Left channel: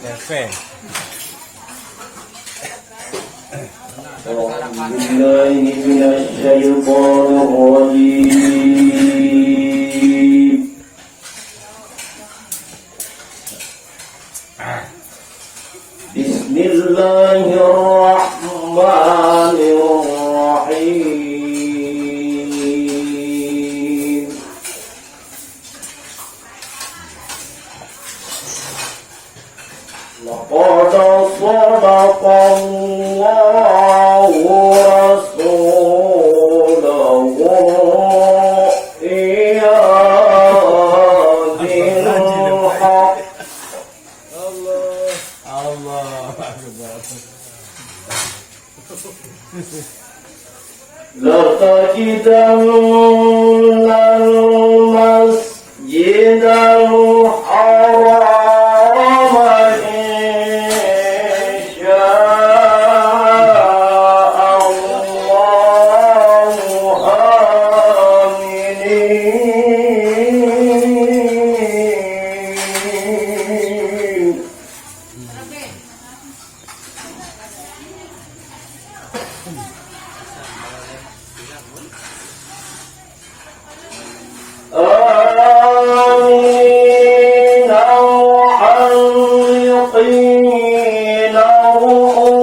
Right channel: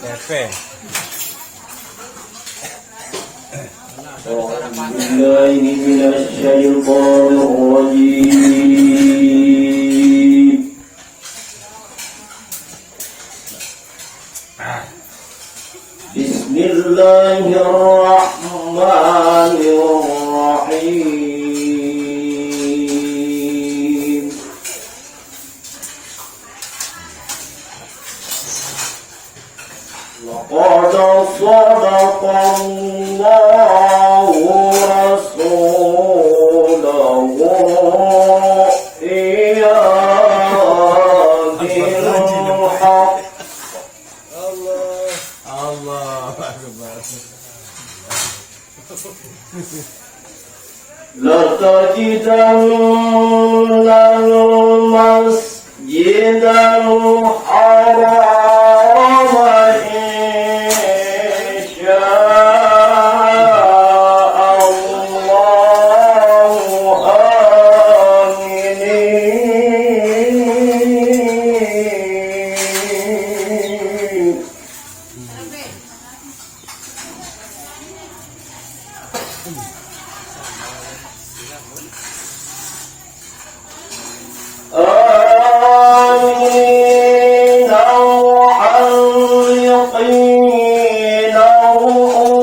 Pepe. Bismillahirrahmanirrahim. Laqad sadaqallahu rasulahu bil haqq. Allah Akbar. لَتَجِدَنَّ الْمَسْجِدَ الْحَرَامَ إِن شَاءَ اللَّهُ آمِنِينَ. آمين محلقين رؤوسكم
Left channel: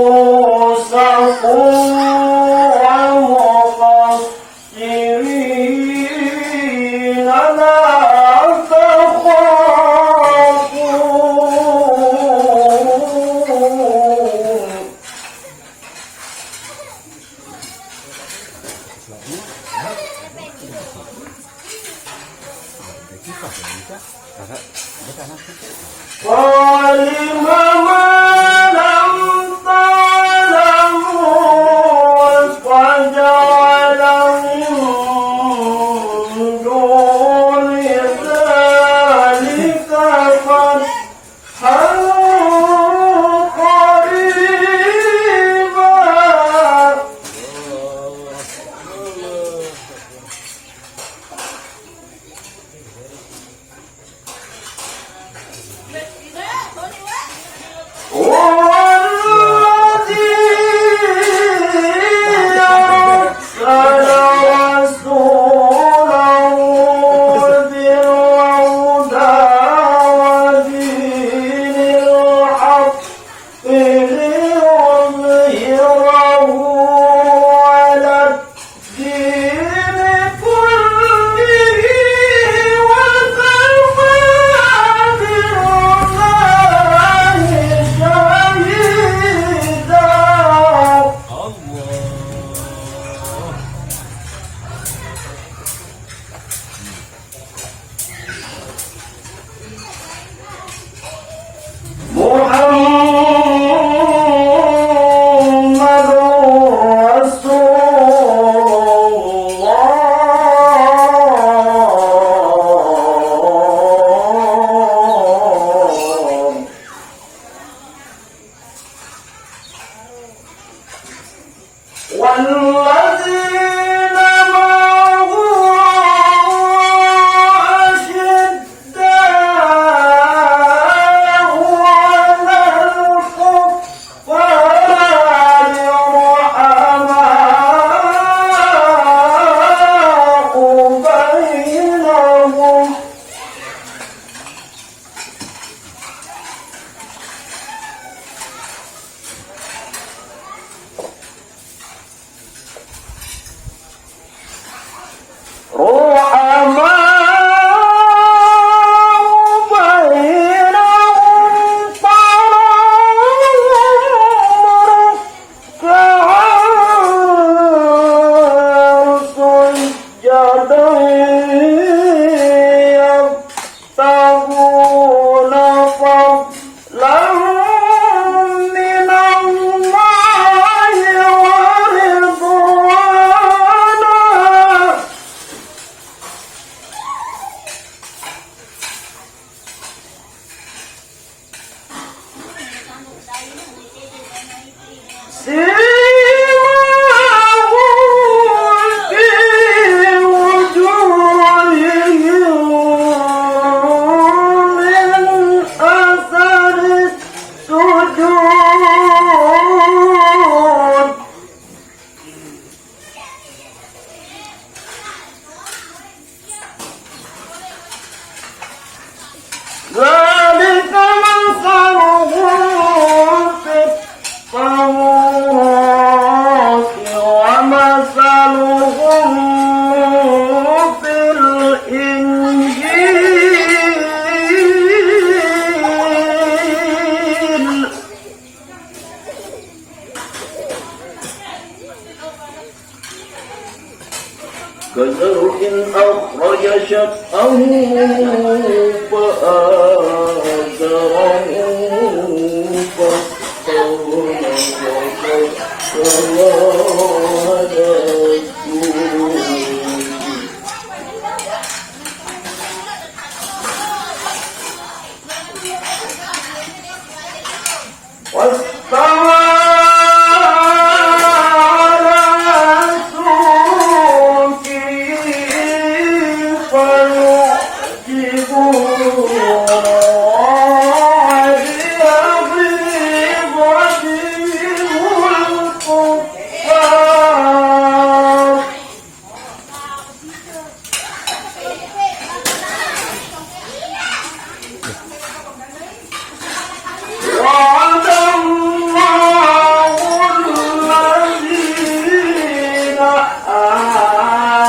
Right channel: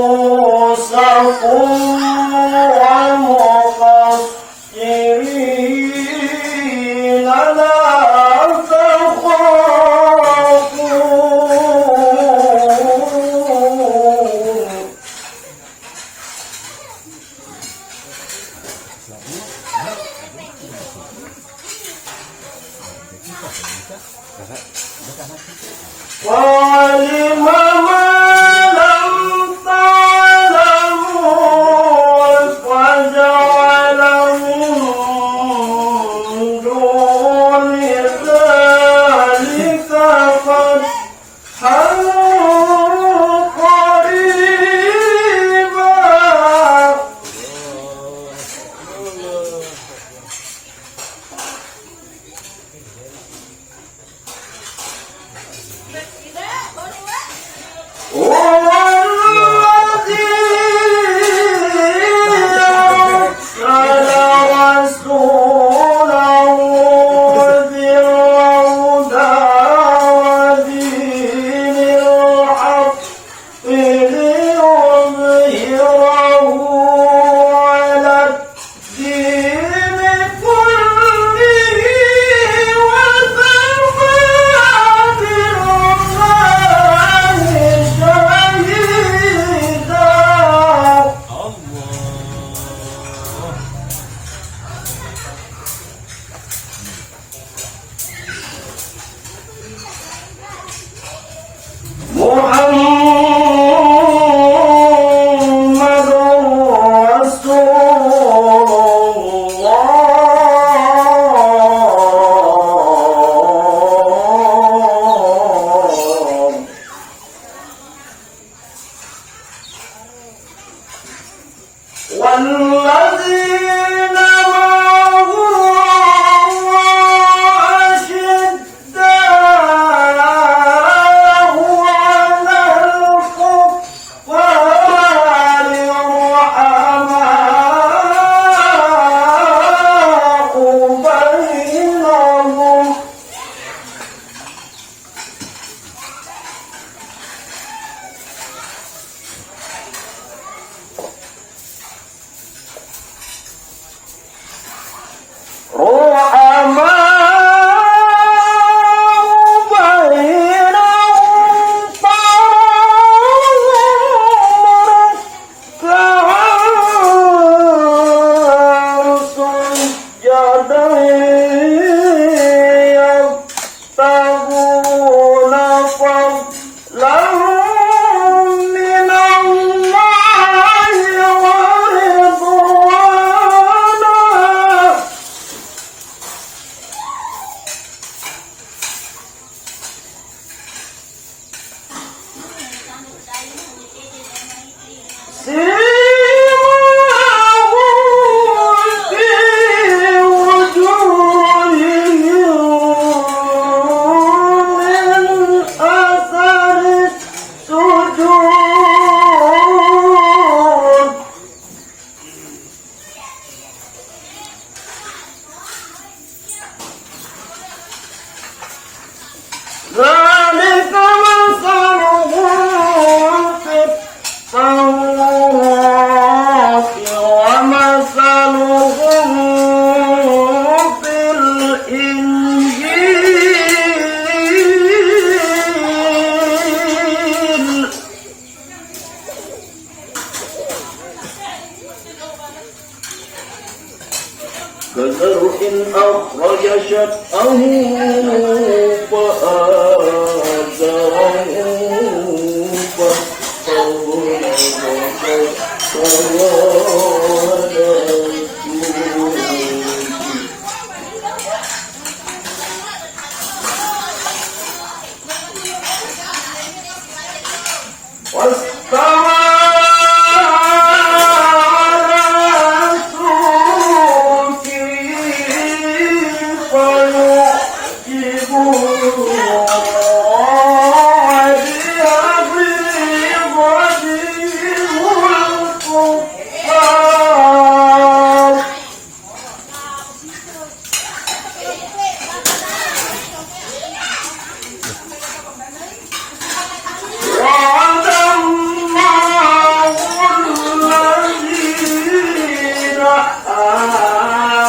ومقصرين لا تخافون. وَعَلِمَ مَا لَمْ تَعْلَمُوا فَجَعَلَ مِن دُونِ ذَلِكَ فَتْحًا قَرِيبًا. Oh ذلك مثلهم في التوراة ومثلهم في الإنجيل كزرع أخرج شطأه فآزره واستوى على سوقه فيعجب الكفار وعد الله الذين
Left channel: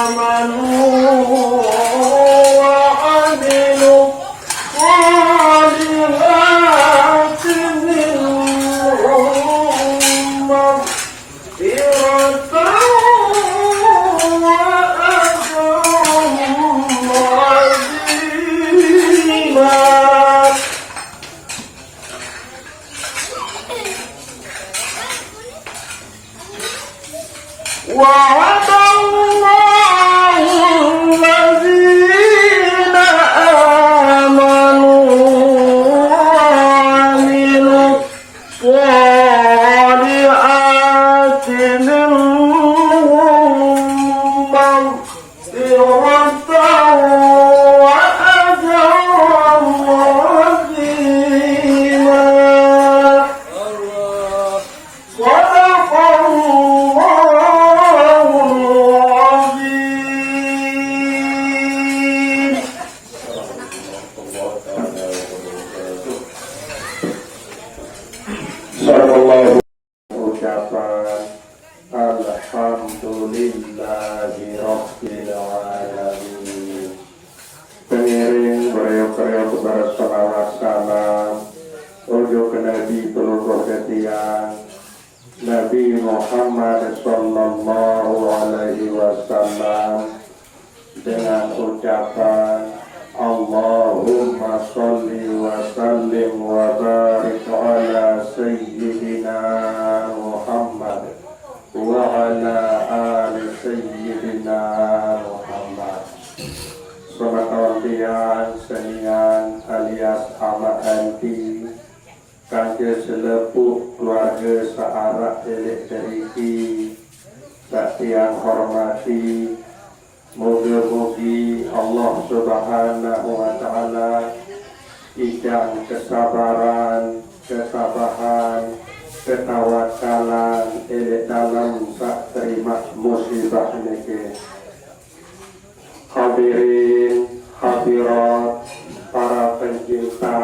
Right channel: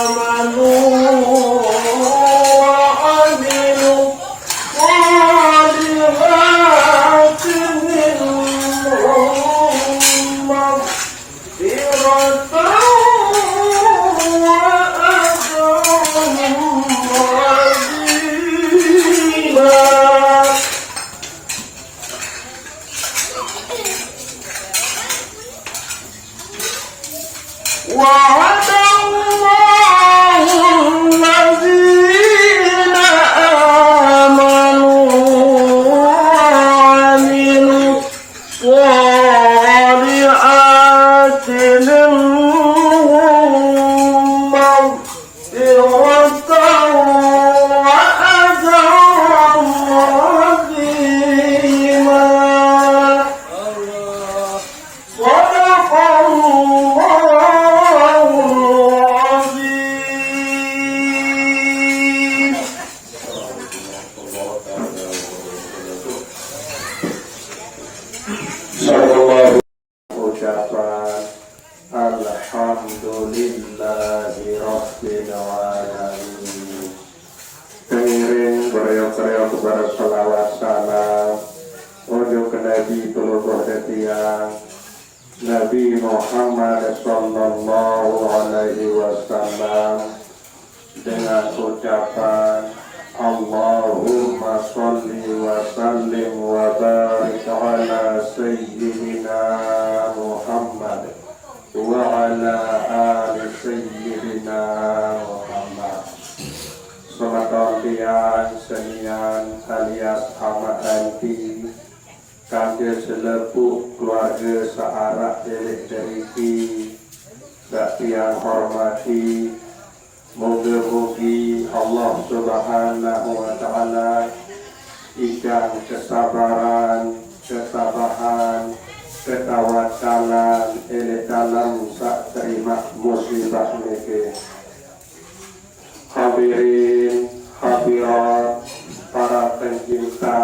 آمنوا وعملوا الصالحات منهم مغفرة وأجرا عظيما وعد الله الذين آمنوا وعملوا الصالحات منهم مغفرة وأجرا عظيما صدق الله العظيم. Sallallahu ucapan Alhamdulillahi Rabbil Alamin. Pengiring beriuk-riuk berselawat salam Ojo ke Nabi Tuluh Ketiang Nabi Muhammad Sallallahu Alaihi Wasallam dengan ucapan Allahumma sholli wa sallim wa barik ala sayyidina Muhammad wa ala ali sayyidina Muhammad. Salat tiang senian alias Ahmad Anti kangge selepuk keluarga searah elek deriki dak tiang hormati. Moga-moga Allah Subhanahu wa Ta'ala ikan kesabaran, ketabahan, ketawakalan elek dalam sak terima musibah niki. Hadirin, hadirat, para pencinta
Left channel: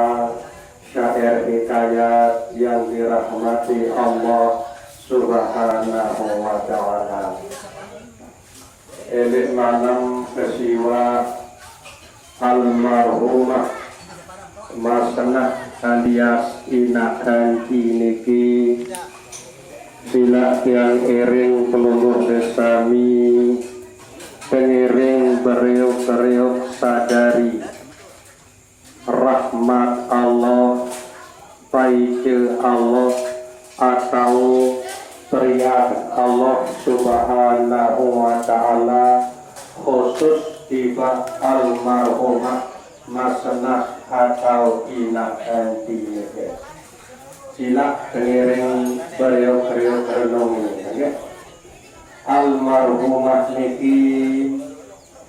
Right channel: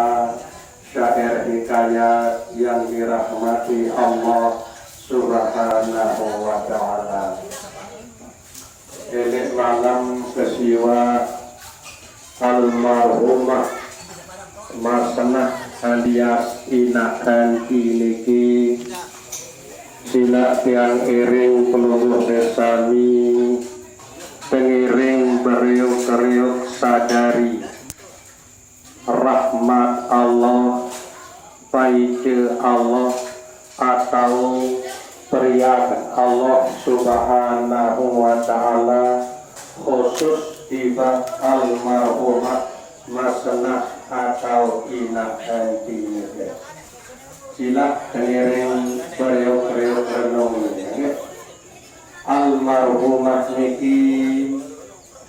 syair hikayat yang dirahmati Allah Subhanahu wa Ta'ala. Elek malam kesiwa almarhumah Masanah alias Ina Anti niki sila tiang iring peluluh desami pengiring beriuk-riuk sadari rahmat Allah baikil Allah atau beriak Allah Subhanahu wa Ta'ala khusus tiba almarhumah Masanah atau Ina Anti. Sila pengiring beriuk-riuk renung almarhumah niki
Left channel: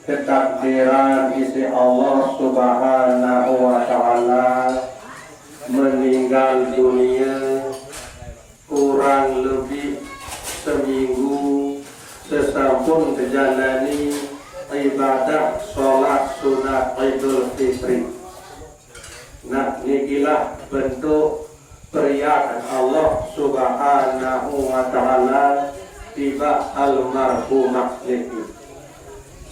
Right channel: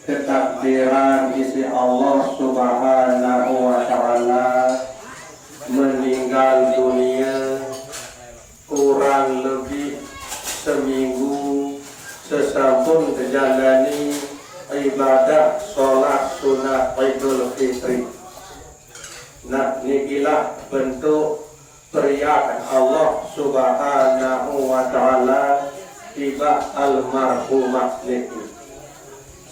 ketakdiran isi Allah Subhanahu wa Ta'ala meninggal dunia kurang lebih seminggu sesampun menjalani ibadah sholat sunat Idul Fitri. Nah, nikilah bentuk periakan Allah Subhanahu wa Ta'ala tiba almarhumah niki.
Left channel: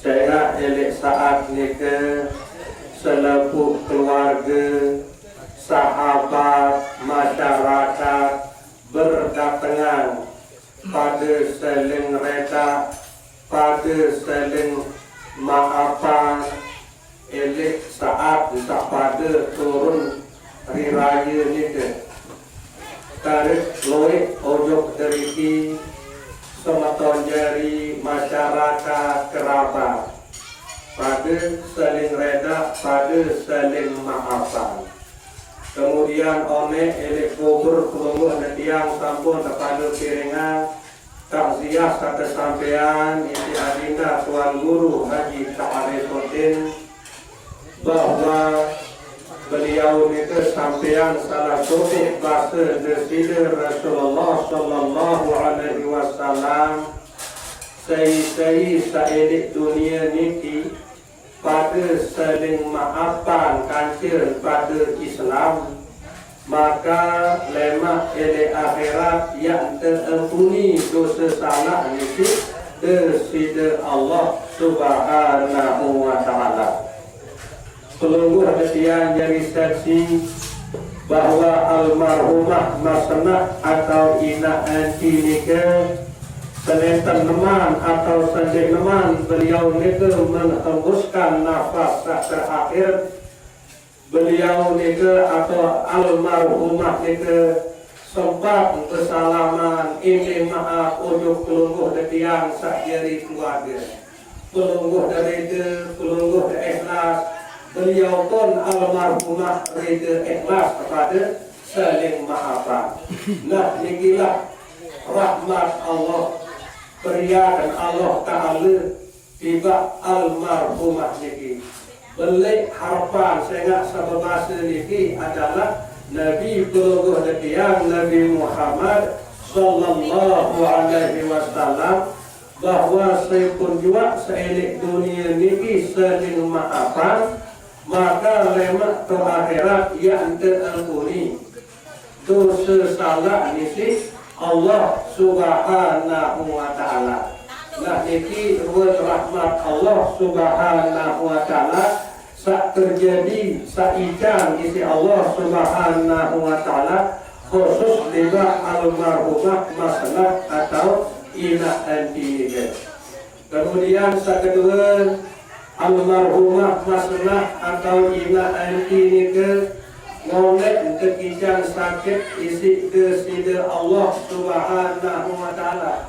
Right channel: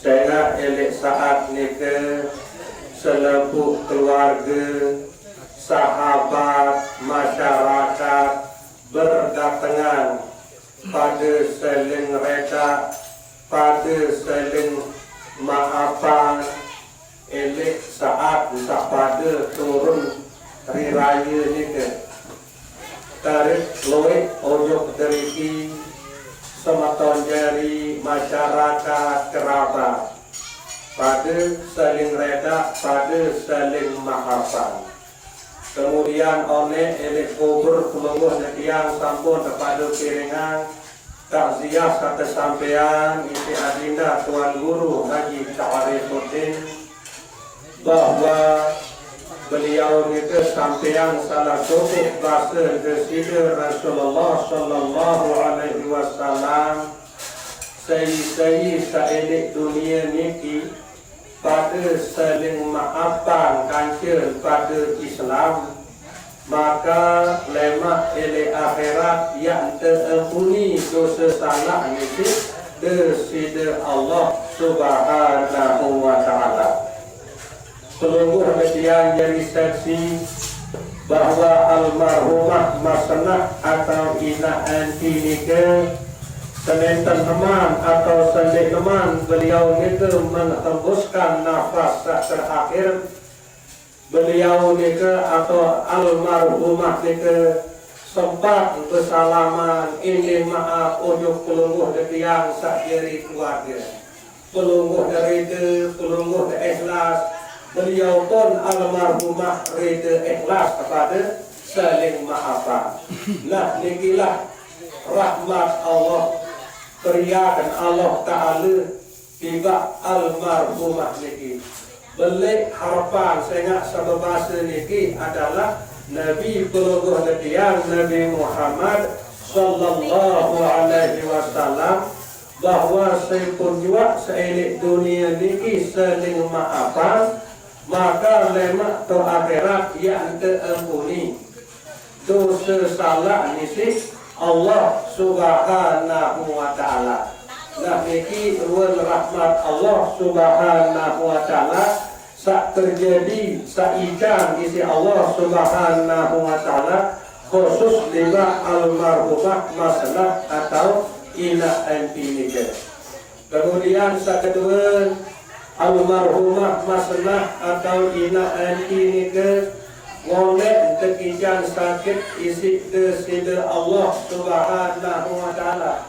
Saya elek saat niki selepuk keluarga, sahabat, masyarakat berdatangan pada saling reda, pada saling maafan. Elek saat tak pada turun hari raya ni ke tarik loik ojok deriki sematon jari masyarakat kerabat pada saling reda, pada saling maafan. Kemudian oleh elek kubur kelungguh netiang sampun kepada piringan takziah kata sampean isi adinda Tuan Guru Haji Ta'arifuddin bahwa beliau itu sampean salah satu bahasa Rasul Rasulullah Sallallahu Alaihi Wasallam sei saedik dunia niki pada saling maafkan kancil pada Islam, maka lemah ele akhirat yang terampuni dosa salah niki desida Allah Subhanahu wa Ta'ala. Pelungguh yang jadi saksi bahwa almarhumah Masnah atau Ina Anti nika senentan teman atau sendik teman beliau nika menghembuskan nafas terakhir beliau nika atau almarhumah nika sempat bersalaman ini maaf ujuk pelungguh yang sak jadi keluarga pelungguh dari itu pelungguh ikhlas. Beliau pun almarhumah reda ikhlas kepada saling maafkan. Nah, nikilah rahmat Allah, periakan Allah Ta'ala tiba almarhumah niki. Belik harapan saya sebabasa niki adalah Nabi pelungguh yang Nabi Muhammad Sallallahu Alaihi Wasallam bahwa saya pun juga seelik dunia niki saling maafkan, maka lemak ke akhirat yang terampuni dosa salah nisi Allah Subhanahu wa Ta'ala. Nah niki ruang rahmat Allah Subhanahu wa Ta'ala sak terjadi saijan isi Allah Subhanahu wa Ta'ala khusus dengan almarhumah Masnah atau Ina Anti nika. Kemudian sak kedua almarhumah Masnah atau Ina Anti nika ngolek kekijan sakit isi desida Allah Subhanahu wa Ta'ala.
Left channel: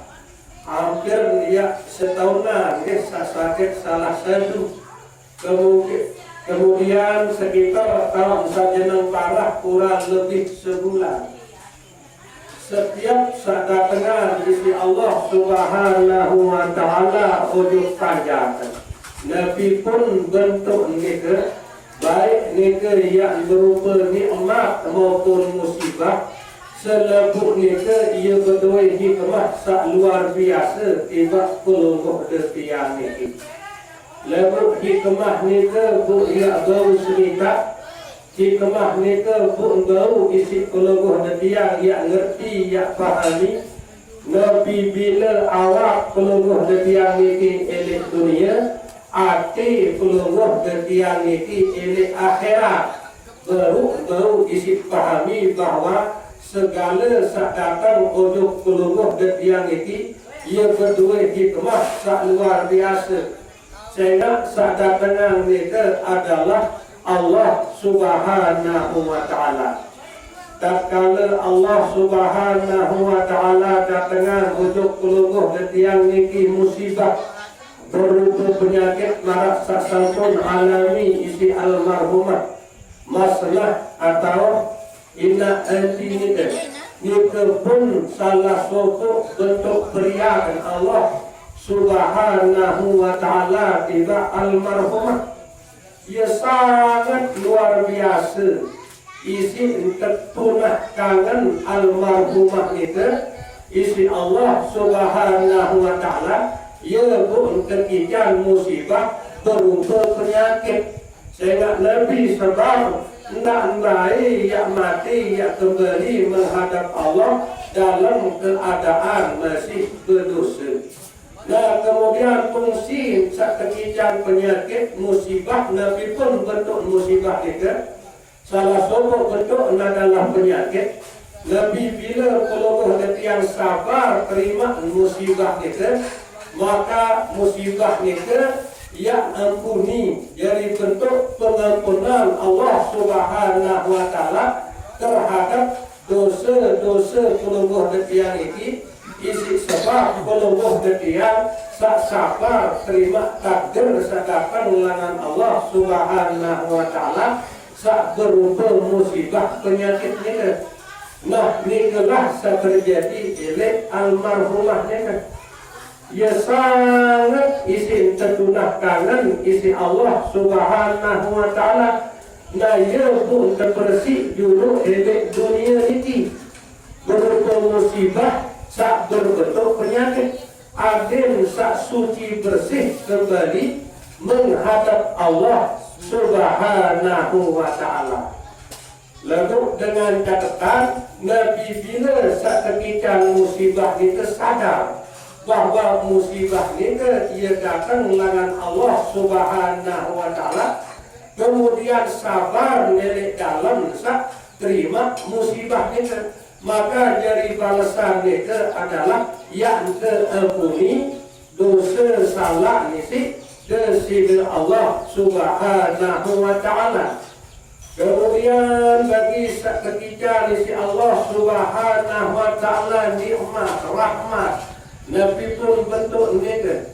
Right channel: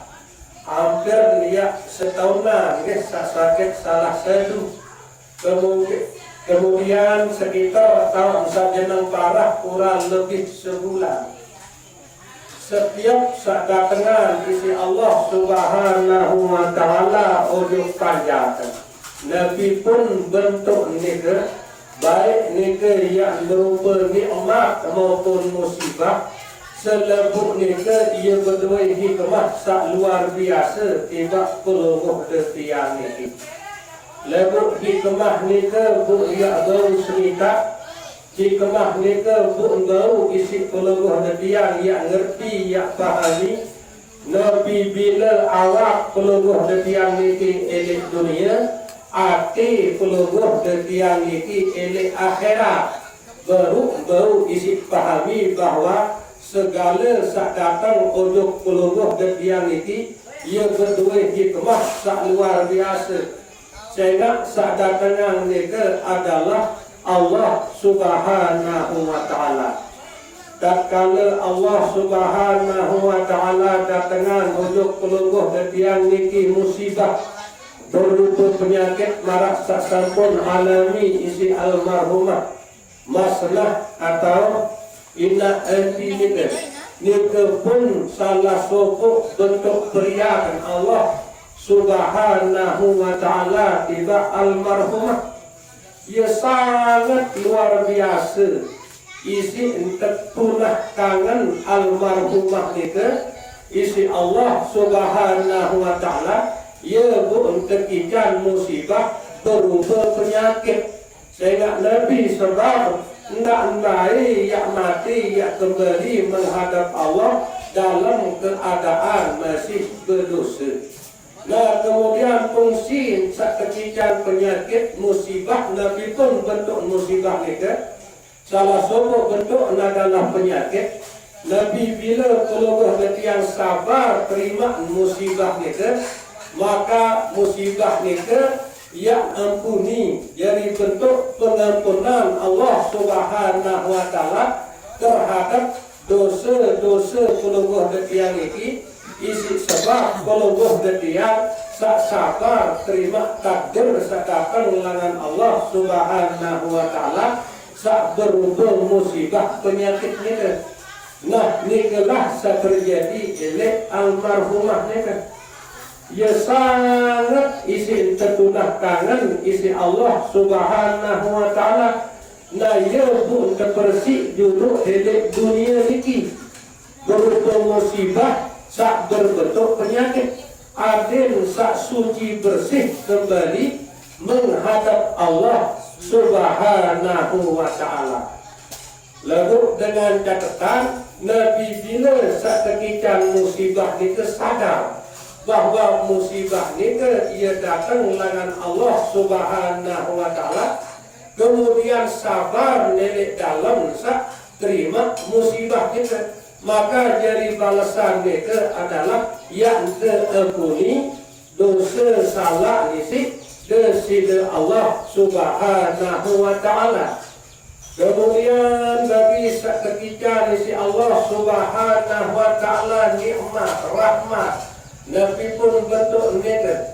Hampir dia setahunan dia sakit salah satu. Kemudian sekitar tahun sajenang parah kurang lebih sebulan. Setiap saat datangan isi Allah Subhanahu wa Ta'ala ujuk panjatan. Nabi pun bentuk nika baik nika yang berupa nikmat maupun musibah selebut nika ia berdua hikmah sak luar biasa tiba pelungguh detiang niki. Lebut hikmah nika bu ia bau serita hikmah nika bu bau isi pelungguh detiang yang ngerti yang fahami Nabi bila awak pelungguh detiang niki elek dunia ati pelungguh detiang niki elek akhirat baru isi pahami bahwa segala sak datang ujuk pelungguh detiang niki ia berdua hikmah sak luar biasa sehingga sak datangan niki adalah Allah Subhanahu wa Ta'ala. Tatkala Allah Subhanahu wa Ta'ala datangan ujuk pelungguh detiang niki musibah berupa penyakit marak sasampun alami isi almarhumah Masnah atau Ina Anti nika. Nika pun salah satu bentuk periakan Allah Subhanahu wa Ta'ala tiba almarhumah. Ia sangat luar biasa isi terpunah kangen almarhumah nika isi Allah Subhanahu wa Ta'ala. Ia pun terkijan musibah berupa penyakit sehingga Nabi sebab nak naik, yang mati, yang kembali menghadap Allah dalam keadaan masih berdosa. Nah, kemudian fungsi sakitan penyakit musibah Nabi pun bentuk musibah kita. Salah satu bentuk adalah penyakit. Nabi bila peluluh yang sabar terima musibah kita, maka musibah kita yang ampuni, jadi bentuk pengampunan Allah Subhanahu wa taala terhadap dosa-dosa peluluh yang ini. Isi sebab peluluh yang sabar terima takdir sedangkan ulangan Allah Subhanahu wa taala sak berupa musibah penyakit ni. Nah, ni kelah terjadi oleh almarhumah ni. Ia sangat isi tertunah kangen isi Allah Subhanahu wa taala. Nah, ia pun terbersih dulu oleh dunia ni. Berupa musibah sak berbentuk penyakit. Adil sak suci bersih kembali menghadap Allah Subhanahu wa taala. Lalu dengan catatan Nabi bila ketika musibah itu sadar bahwa musibah itu ia datang dengan Allah Subhanahu wa taala, kemudian sabar nenek dalam terima musibah itu, maka dari balasan itu adalah yang terampuni dosa salah nisi dari Allah Subhanahu wa taala. Kemudian bagi ketika isi Allah Subhanahu wa taala nikmat rahmat Nabi pun bentuk nikah,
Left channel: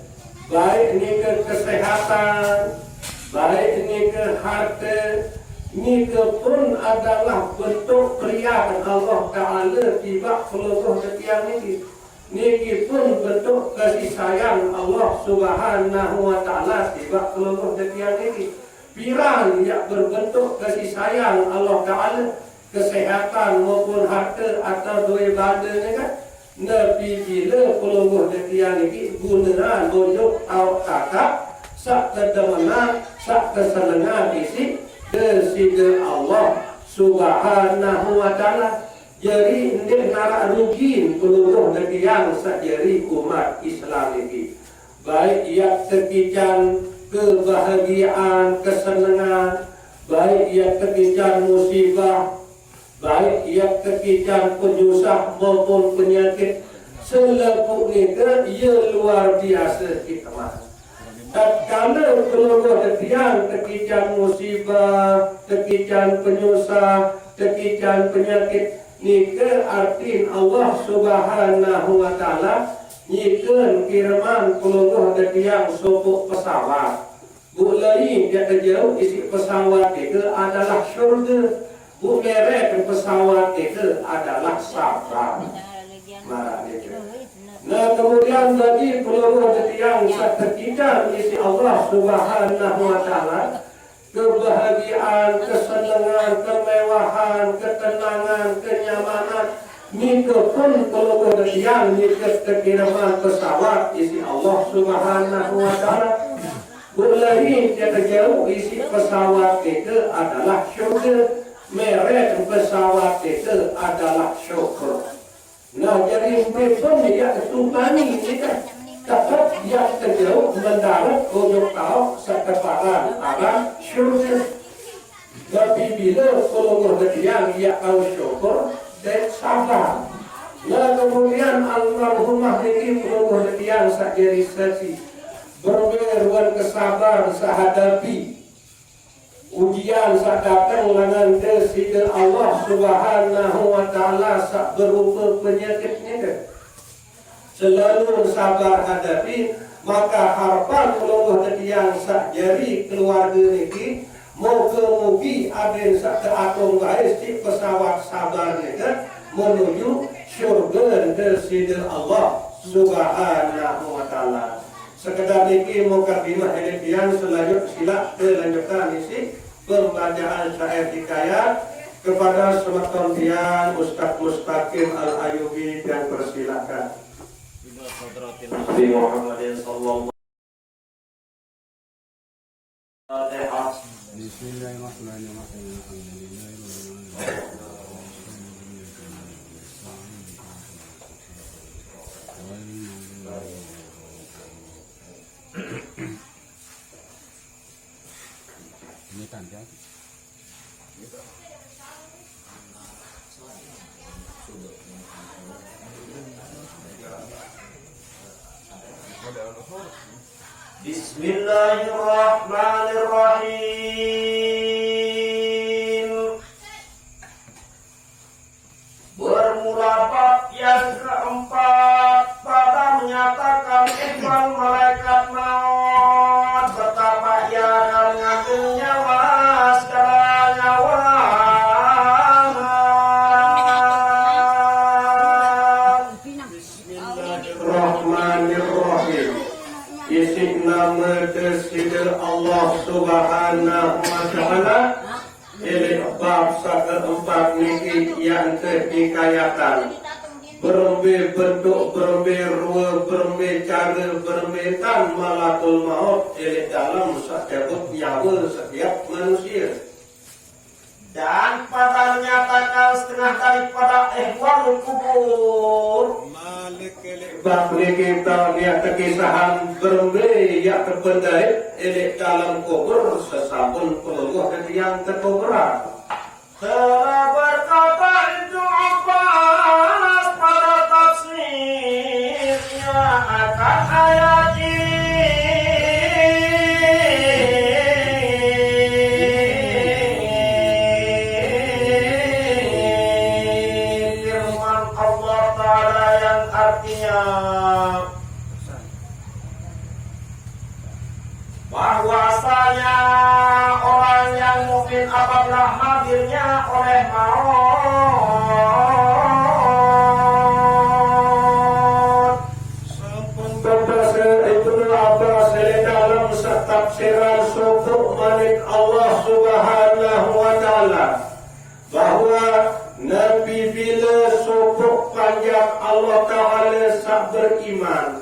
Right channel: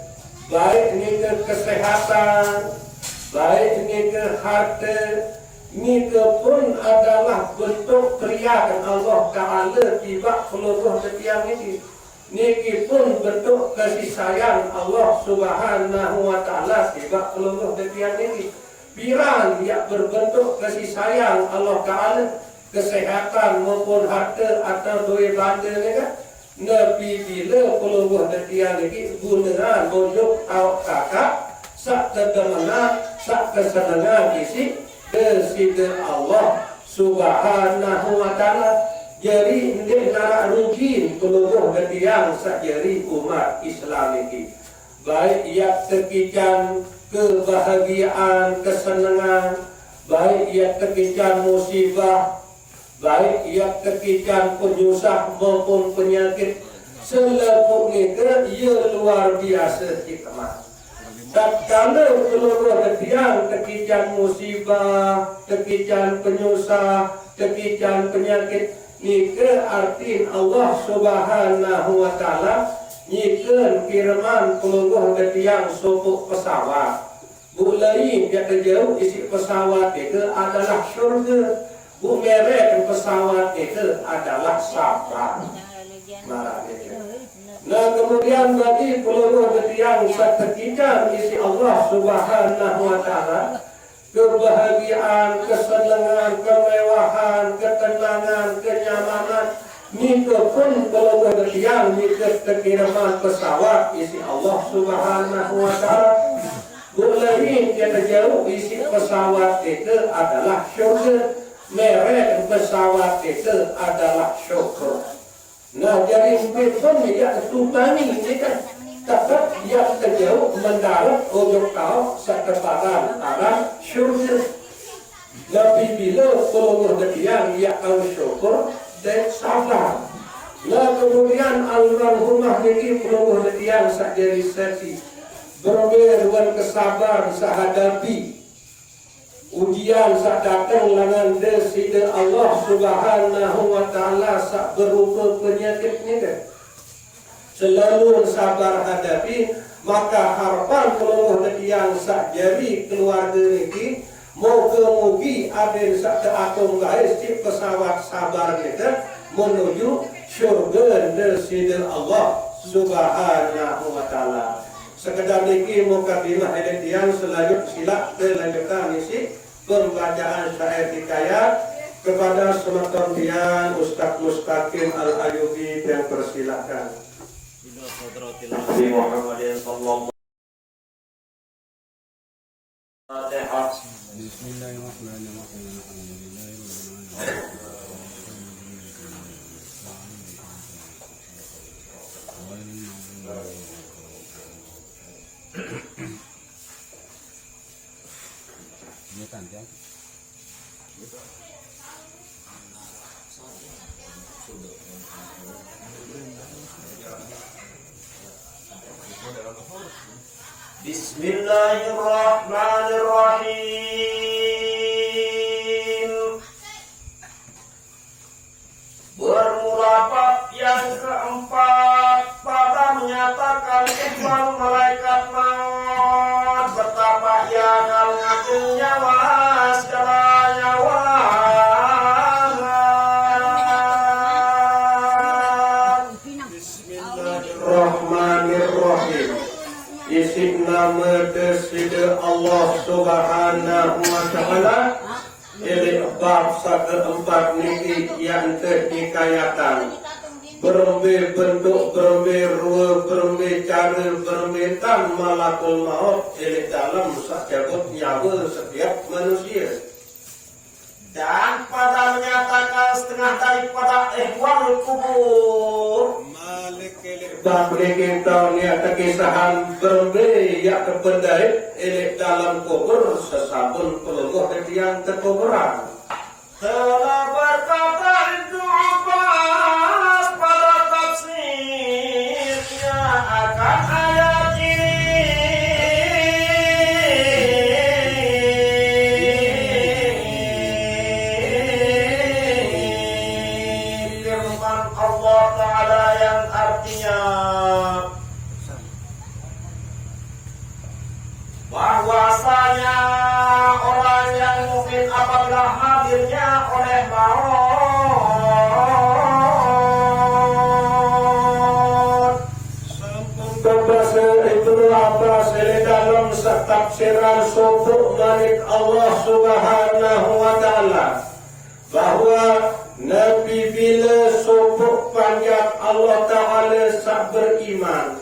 baik nikah kesehatan, baik nikah harta, nikah pun adalah bentuk periyaan Allah taala tiba peluluh setiap ini. Niki pun bentuk kasih sayang Allah Subhanahu wa taala tiba peluluh setiap ini. Piran yang berbentuk kasih sayang Allah Ta'ala, kesehatan maupun harta atau duit benda ni kan, Nabi bila peluluh detian ni gunaan bonjok awak kakak sak kedemana sak kesenangan isi desida Allah Subhanahu wa Ta'ala. Jadi ini narak rugi peluluh detian sak jari umat Islam ini. Baik yang sekian kebahagiaan, kesenangan, baik ia kekican musibah, baik ia kekican penyusah maupun penyakit, selaku nikah ia luar biasa hikmah. Tatkala keluarga yang kekican musibah, kekican penyusah, kekican penyakit, nikah artin Allah Subhanahu wa taala nyikan kiriman peluluh yang sopuk pesawat. Bulai yang jauh isi pesawat itu adalah syurga. Bu merek pesawat itu adalah sabar. Nah, kemudian bagi peluluh yang seketika isi Allah Subhanahu wa taala, kebahagiaan, kesenangan, kemewahan, ketenangan, kenyamanan, nikah pun peluluh yang nikah kekiraman pesawat isi Allah Subhanahu wa taala. Bulai yang jauh isi pesawat itu adalah syurga. Merek pesawat itu adalah syurga. Nah, jadi pun yang tumpangi ini kan dapat yang terjauh mendarat ujung kau sekeparan arah syurga. Tapi bila peluluh yang tahu syukur dan sabar. Nah, kemudian almarhumah ini peluluh yang sajari saksi berberuan kesabar sehadapi ujian sak datang dengan desida Allah Subhanahu wa taala sak berupa penyakit ini. Selalu sabar hadapi, maka harapan peluluh yang sak jari keluarga ini moga-mogi ada sak teatung baik si pesawat sabar kita menuju syurga desida Allah Subhanahu wa taala. Sekedar niki mukadimah editian selanjut sila kelanjutan isi pembacaan syair hikayat kepada sematan tiang Ustaz Mustaqim Al-Ayubi yang persilakan. Nabi Muhammad sallallahu alaihi wasallam. Bismillahirrahmanirrahim. Bermula bab yang keempat pada menyatakan ikhwan malaikat maut betapa ia akan mengambil nyawa segala nyawa. Bismillahirrahmanirrahim. Isik nama Desida Allah Subhanahu wa Ta'ala. Ini bab keempat niki yang dikayakan. Berembe bentuk, berembe rupa, berembe cara, berembe tan malakul maut. Ini dalam sakjabut nyawa setiap manusia. Dan pada menyatakan setengah daripada ihwal kubur. Bab kita niat kekisahan berembe yang terpendai ini dalam kubur sesabun peluh dan yang terkuburan. Telah berkata itu Abbas pada tafsirnya akan ayat ini. Firman Allah Ta'ala yang artinya bahwasanya orang yang mungkin apabila hadirnya oleh maut sampun berbahasa Ibnu Abbas dalam tafsiran sufuk Malik Allah Subhanahu wa Ta'ala bahwa Nabi bila sufuk panjang Allah Ta'ala sak beriman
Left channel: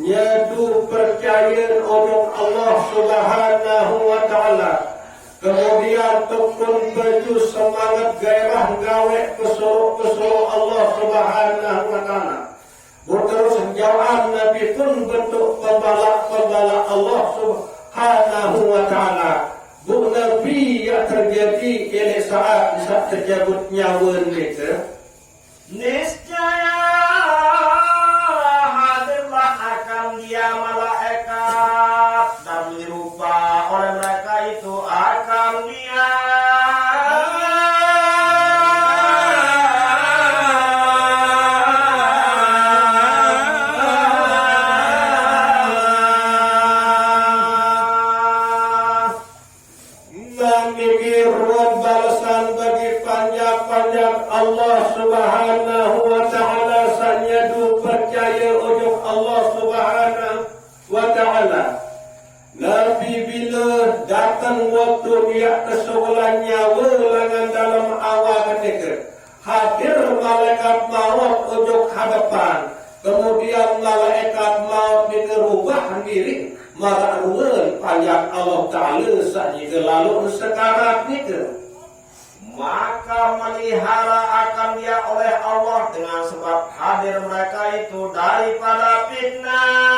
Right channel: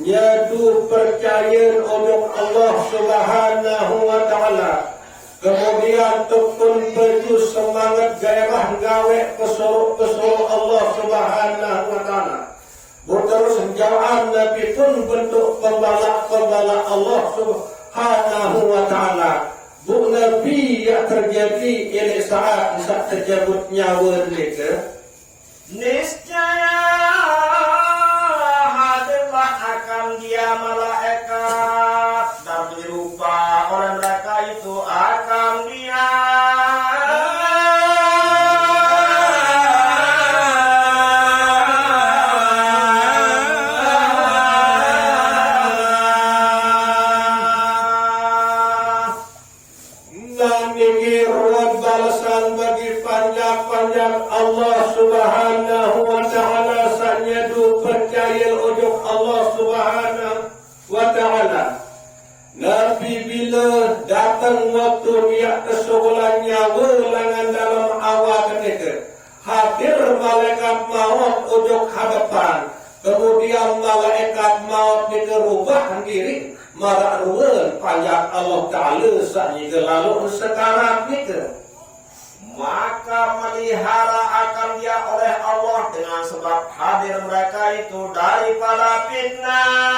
nyadu percaya untuk Allah Subhanahu wa Ta'ala. Kemudian tekun baju semangat gairah gawe pesuruh Allah Subhanahu wa Ta'ala. Terus jawab Nabi pun bentuk pembala Allah Subhanahu wa Ta'ala. Bu Nabi yang terjadi ini saat terjabut nyawa mereka. Niscaya hadirlah akan dia malaikat dan menyerupa oleh mereka itu akan dia dan ini balasan bagi panjang-panjang Allah Subhanahu wa Ta'ala sanyadu percaya ujung Allah Subhanahu wa Ta'ala. Nabi bila datang waktu dia kesubulan nyawa lengan dalam awal ketika hadir malaikat maut ujung hadapan. Kemudian malaikat maut dikerubah diri marak ruan panjang Allah Ta'ala sehingga lalu sekarang itu maka melihara akan dia oleh Allah dengan sebab hadir mereka itu daripada fitnah.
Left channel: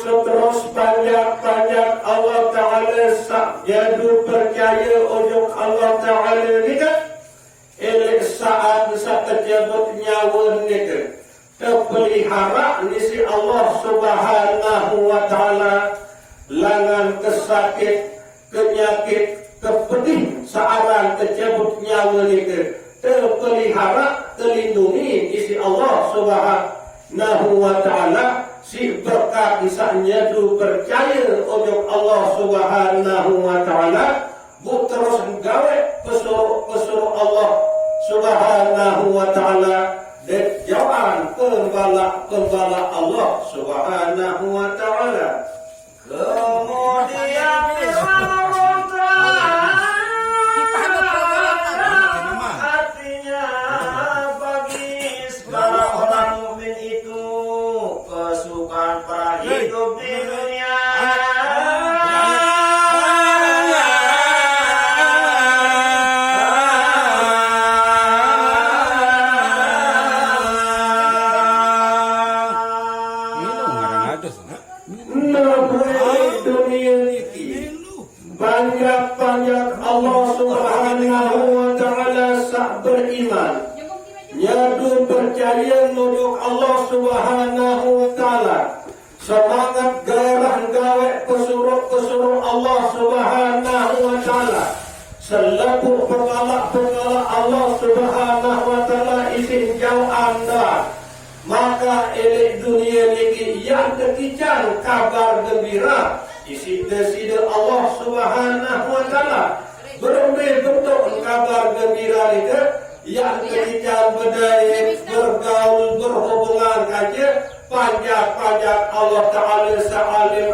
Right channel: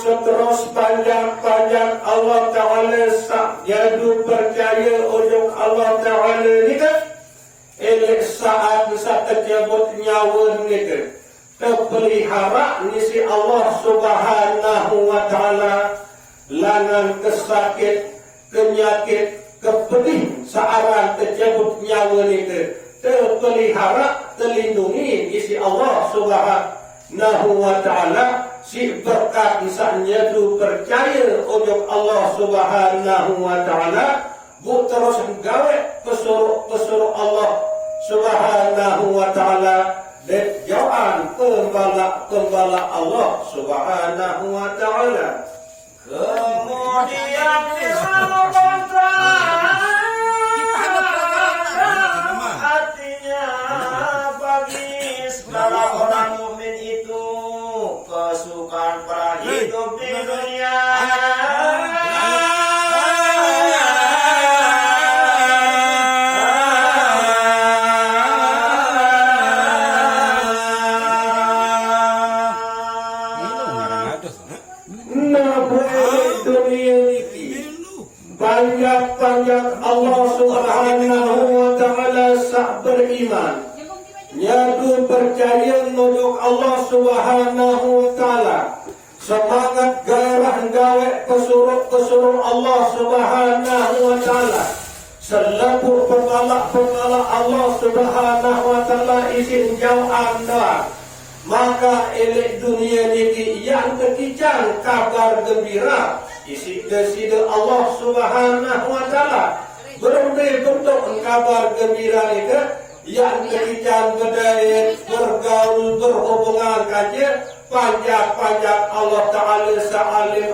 Terus panjang-panjang Allah Ta'ala jadu percaya ujung Allah Ta'ala ni kan elek saat terjabut nyawa ni terpelihara nisi Allah Subhanahu wa Ta'ala langan kesakit penyakit kepedih searan terjabut nyawa ni terpelihara terlindungi isi Allah Subhanahu wa Ta'ala si berkat misalnya tu percaya ujung Allah Subhanahu wa Ta'ala bu terus gawe pesuruh Allah Subhanahu wa Ta'ala dan jawaan pembala Allah Subhanahu wa Ta'ala. Kemudian Allah Ta'ala panjang Allah Subhanahu wa taala sak beriman. Nyadu percaya nunjuk Allah Subhanahu wa taala. Semangat gairah gawe pesuruh Allah Subhanahu wa taala. Selaku pengalak Allah Subhanahu wa taala izin jauh anda. Maka elek dunia ini yang ketijan kabar gembira isi deside Allah Subhanahu wa taala. Berbagai bentuk kabar gembira ini yang ketijan berdaya bergaul berhubungan kaja panjang Allah taala sa'alim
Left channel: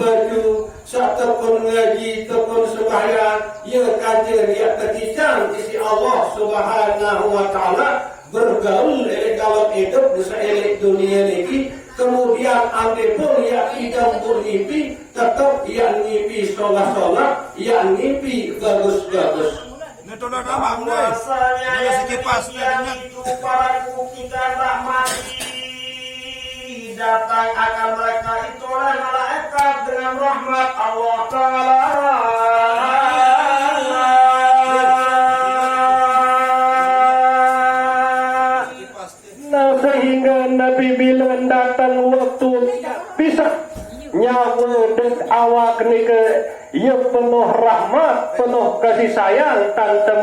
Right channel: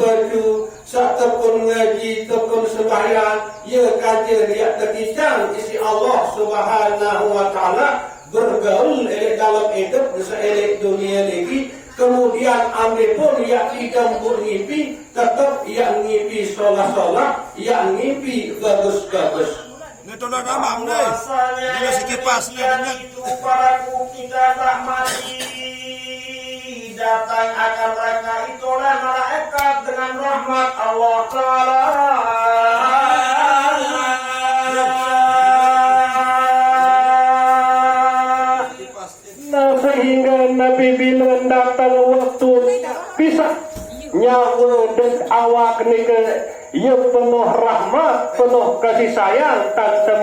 baju tekun ngaji, tekun sembahyang, ya kajian ya ketijan isi Allah Subhanahu wa taala bergaul elek dalam hidup bisa elek dunia ini. Kemudian ambil pun ya tidak bermimpi, tetap yang mimpi sholat, yang mimpi bagus-bagus. Ini tuh udah mamam deh. Ini si kipas itu paraku kita rahmati. Datang akan mereka itu oleh malaikat dengan rahmat Allah Ta'ala. Sehingga Nabi bila datang waktu bisa nyawa dan awak nika ia penuh rahmat, penuh kasih sayang tante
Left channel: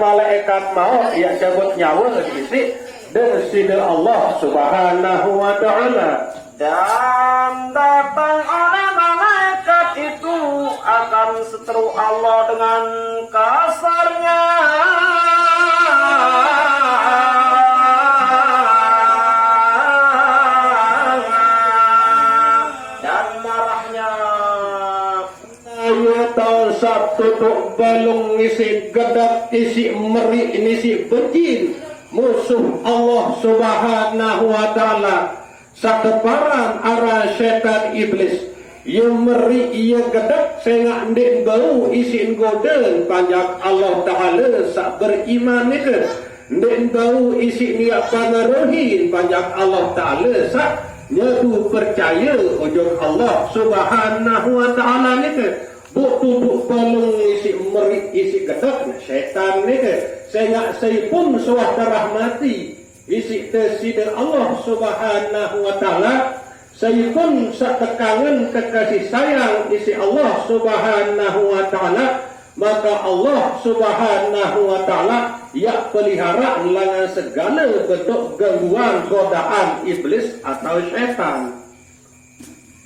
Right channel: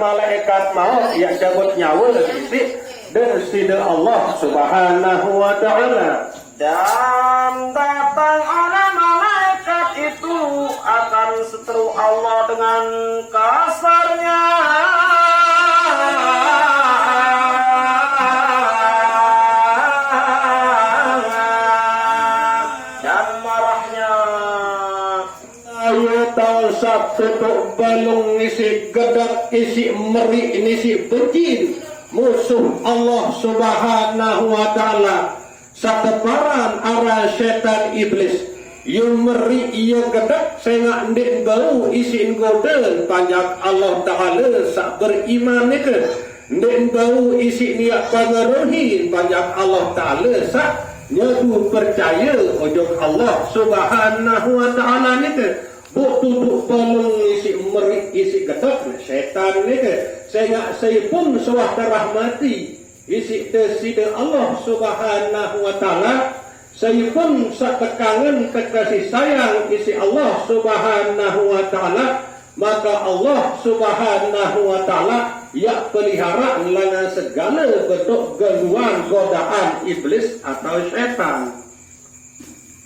malaikat maut yang cabut nyawa isi dan sida Allah Subhanahu wa taala. Dan datang oleh malaikat itu akan seteru Allah dengan kasarnya. Dan marahnya. Ayo tahu Sabtu tuk balung isi gedak isi meri isi benci musuh Allah Subhanahu wa taala. Sakeparan arah setan iblis yang meri ia gedak sehingga ndik bau isin godel panjang Allah taala sak beriman nika ndik bau isi niat pengaruhin panjang Allah taala sak nyadu percaya ujung Allah Subhanahu wa taala nika butuh balung isi meri isi gedak setan nika sehingga saya pun sawah terahmati isi tesida Allah Subhanahu wa taala saya pun setekangan kekasih sayang isi Allah Subhanahu wa taala maka Allah Subhanahu wa taala ya pelihara dengan segala bentuk gangguan godaan iblis atau setan.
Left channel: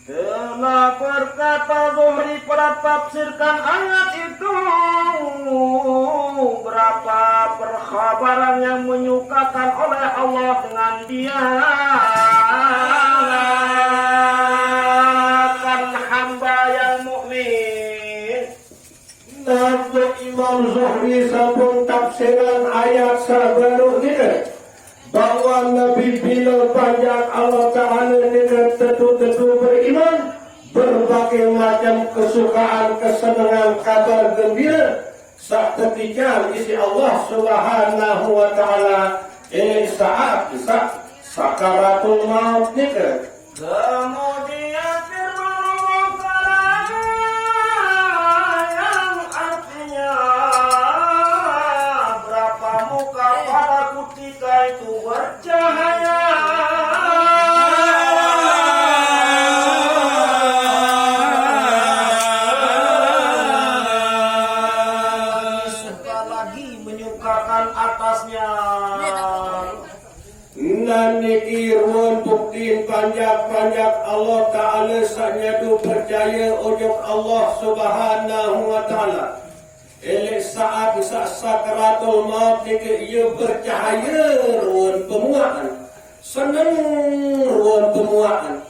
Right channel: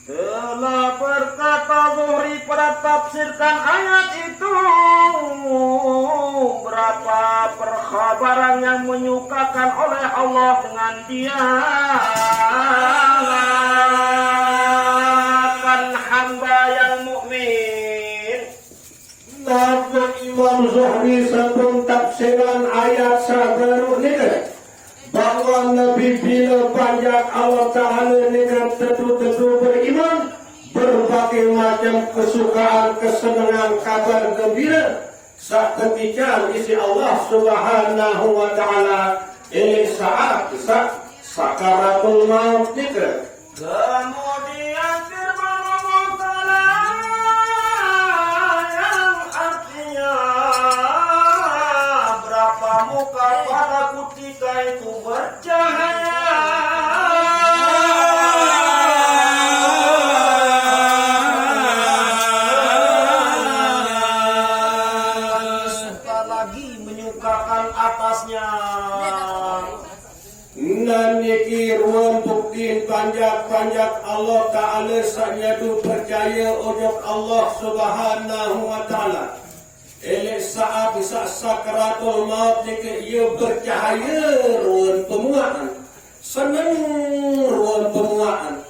Telah berkata Zuhri pada tafsirkan ayat itu berapa perkhabaran yang menyukakan oleh Allah dengan dia kan hamba yang mukmin. Nabi Imam Zuhri sabun tafsiran ayat sabaru ini bahwa Nabi bila banyak Allah Ta'ala dengan tentu-tentu beriman berbagai macam kesukaan, kesenangan, kabar gembira saat ketika isi Allah Subhanahu wa Ta'ala ini saat sakaratul maut nika. Kemudian firman Allah Ta'ala yang artinya berapa muka pada ketika itu bercahaya. Lagi menyukakan atasnya. Dan niki ruan buktiin panjang Allah Ta'ala sanyadu percaya ujung Allah Subhanahu wa Ta'ala. Elek saat bisa sakaratul maut niki ia bercahaya ruan pemuaan. Senang ruan pemuaan.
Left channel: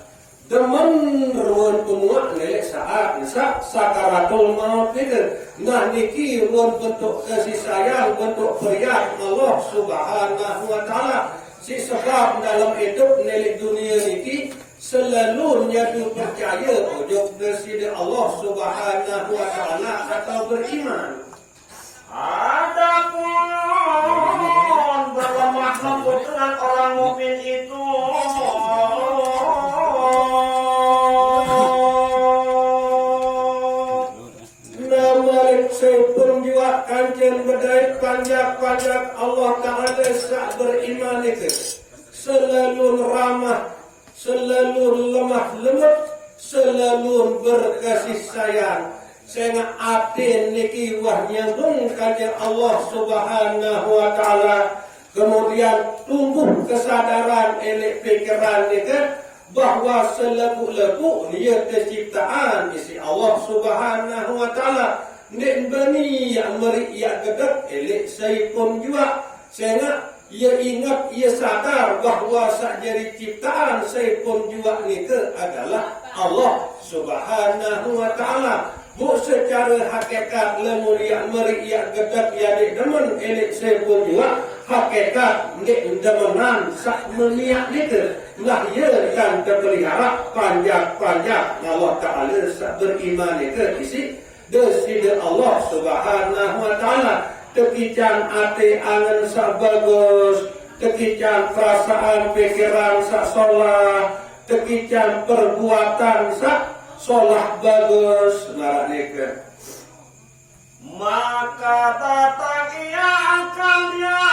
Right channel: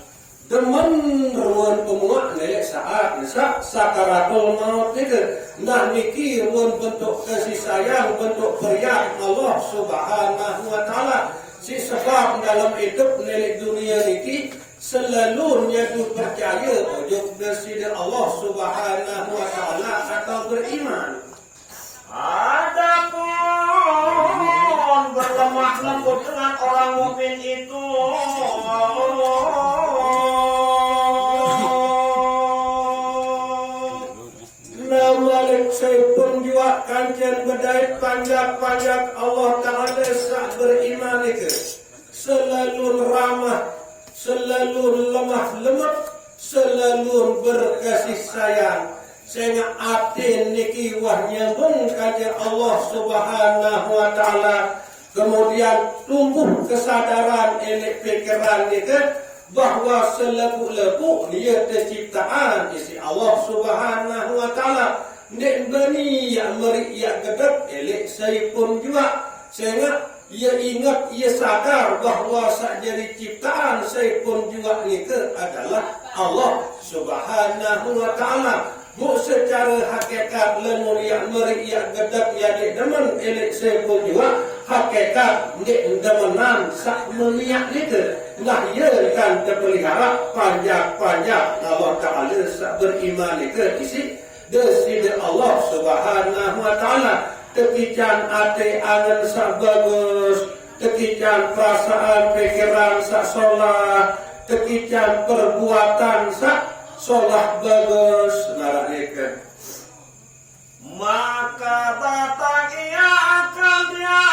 Demen ruan pemuaan elek saat bisa sakaratul maut niki. Nah niki ruan bentuk kasih sayang, bentuk beriak Allah Subhanahu wa Ta'ala. Si sebab dalam hidup nelik dunia ini selalu nyadu percaya ujung bersida Allah Subhanahu wa Ta'ala atau beriman. Adapun berlemah lembut dengan orang mukmin itu panjang Allah Ta'ala sak beriman itu selalu ramah, selalu lemah lembut, selalu berkasih sayang. Sehingga atin niki wah nyambung kajian Allah Subhanahu wa Ta'ala. Kemudian tumbuh kesadaran elek pikiran itu bahwa selaku-laku dia terciptaan isi Allah Subhanahu wa Ta'ala. Nek bani yang meri yang gedek elek saya pun juga. Sehingga ia ingat, ia sadar bahwa sajari ciptaan saya pun juga itu adalah Allah Subhanahu wa Ta'ala. Bu secara hakikat lemur yang meri yang gedek yang demen elek saya pun juga hakikat nek demenan sak meniak itu. Nah ia kan terpelihara panjang-panjang Allah Ta'ala sak beriman itu isi desida Allah Subhanahu wa Ta'ala. Tekican ate angan sak bagus, tekican perasaan pikiran sak solah, tekican perbuatan sak solah bagus. Naraknya maka datang ia akan dia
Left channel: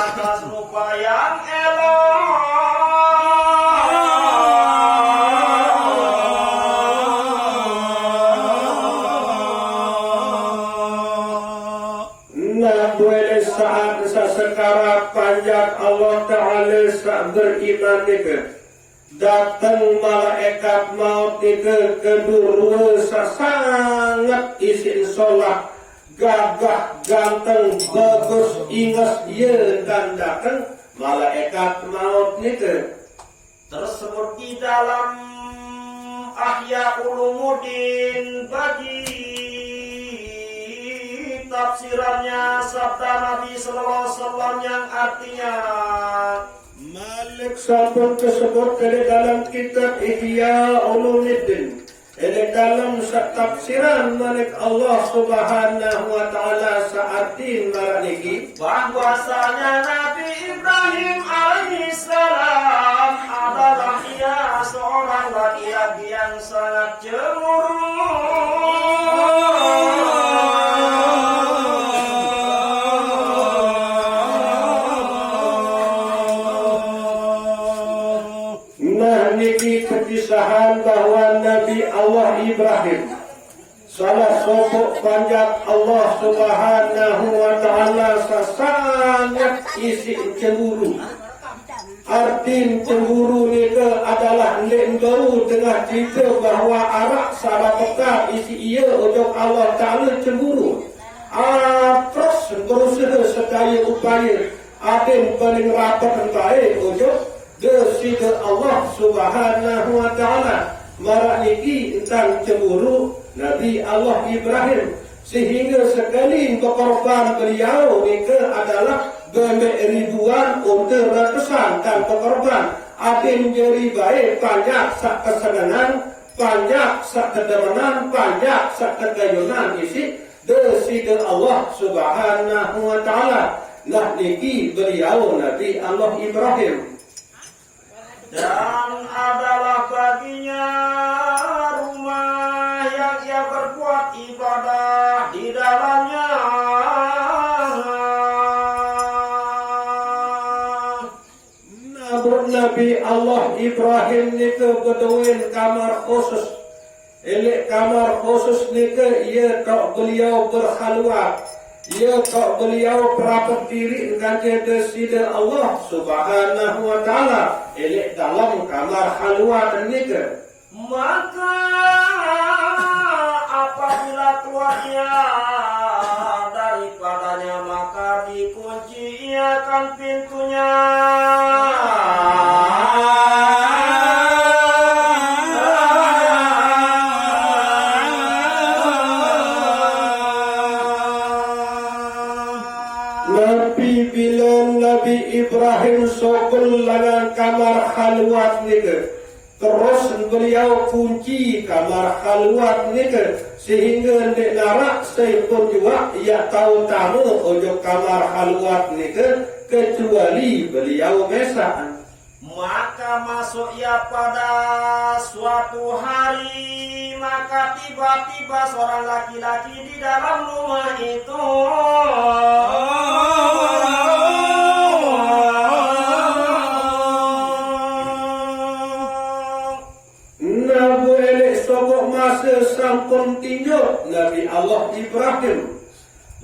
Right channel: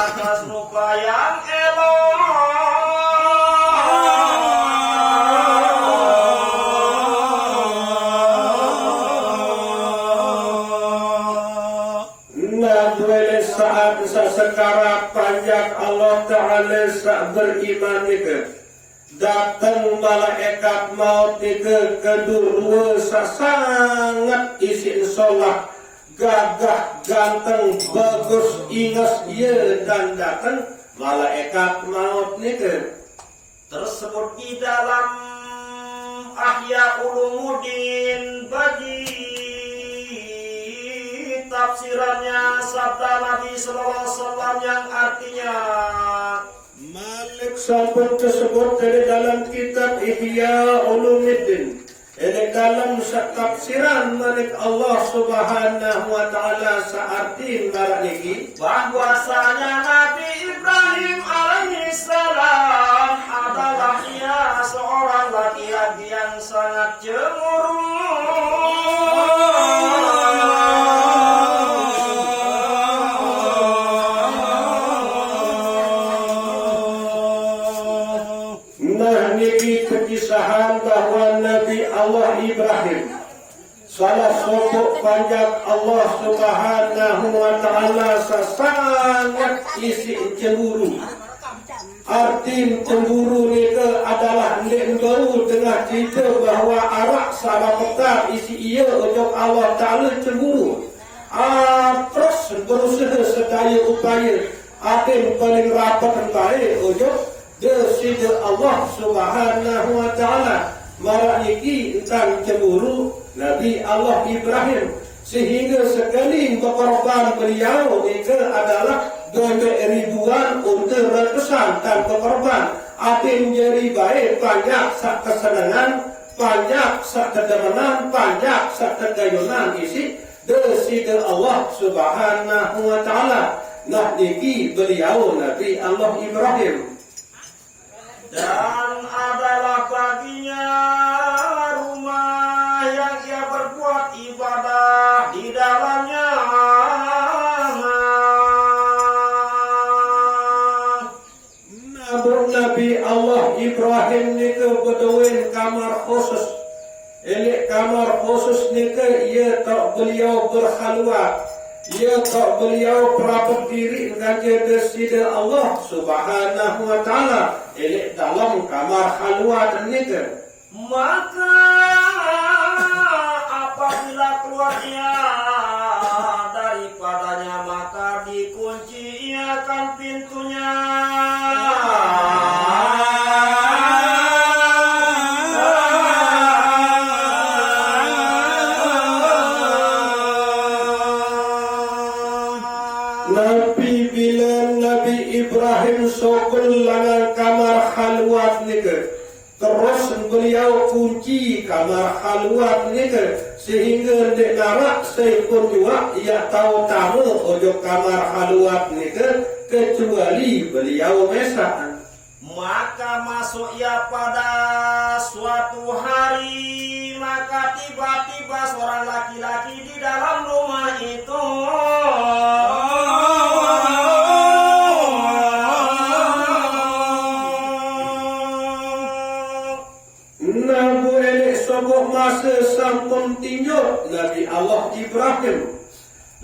atas rupa yang elok. Saat sekarang panjang Allah Ta'ala sak beriman itu datang malaikat maut itu kedua sangat isin solah gagah ganteng bagus ingat ia dan datang malaikat maut itu Tersebut di dalam Ahya Ulumuddin bagi tafsirannya sabda Nabi Sallallahu Alaihi Wasallam yang artinya Malik sampun tersebut dari dalam kitab Ihya Ulumuddin. Ini dalam tafsiran Malik Allah Subhanahu wa Ta'ala searti barat niki bahwasanya Nabi Ibrahim alaihissalam adalah dia seorang laki-laki yang sangat cemburu. Kekisahan bahwa Nabi Allah Ibrahim salah satu panjat Allah Subhanahu wa Ta'ala sangat isi cemburu. Arti cemburu ni adalah nek tahu tengah cerita bahwa arak salah pekat isi ia untuk Allah Ta'ala cemburu. Terus berusaha sedaya upaya atin paling rapat baik untuk desida Allah Subhanahu wa Ta'ala. Marak niki tentang cemburu Nabi Allah Ibrahim sehingga sekali berkorban beliau itu adalah ribuan untuk ratusan tanpa korban. Atin jadi baik panjang sak kesenangan, panjang sak kedemenan, panjang sak kegayunan isi desida Allah Subhanahu wa Ta'ala. Nah niki beliau Nabi Allah Ibrahim. Dan adalah baginya rumah yang ia berbuat ibadah di dalamnya. Nabi Allah Ibrahim nika beduin kamar khusus. Elek kamar khusus nika ia tak beliau berkhalwat. Ia tak beliau perapat diri dengan desida Allah Subhanahu wa Ta'ala. Elek dalam kamar khalwat nika. Maka apabila keluarnya daripadanya maka dikunci ia kan pintunya. Nabi bilang Nabi Ibrahim sokul langan kamar khalwat nika. Terus beliau kunci kamar khalwat nika sehingga nek narak saya pun juga ia tahu tamu ojok kamar khalwat nika kecuali beliau mesak. Maka masuk ia pada suatu hari, maka tiba-tiba seorang laki-laki di dalam rumah itu. Nabu elek sobok masa sampun tinjau Nabi Allah Ibrahim.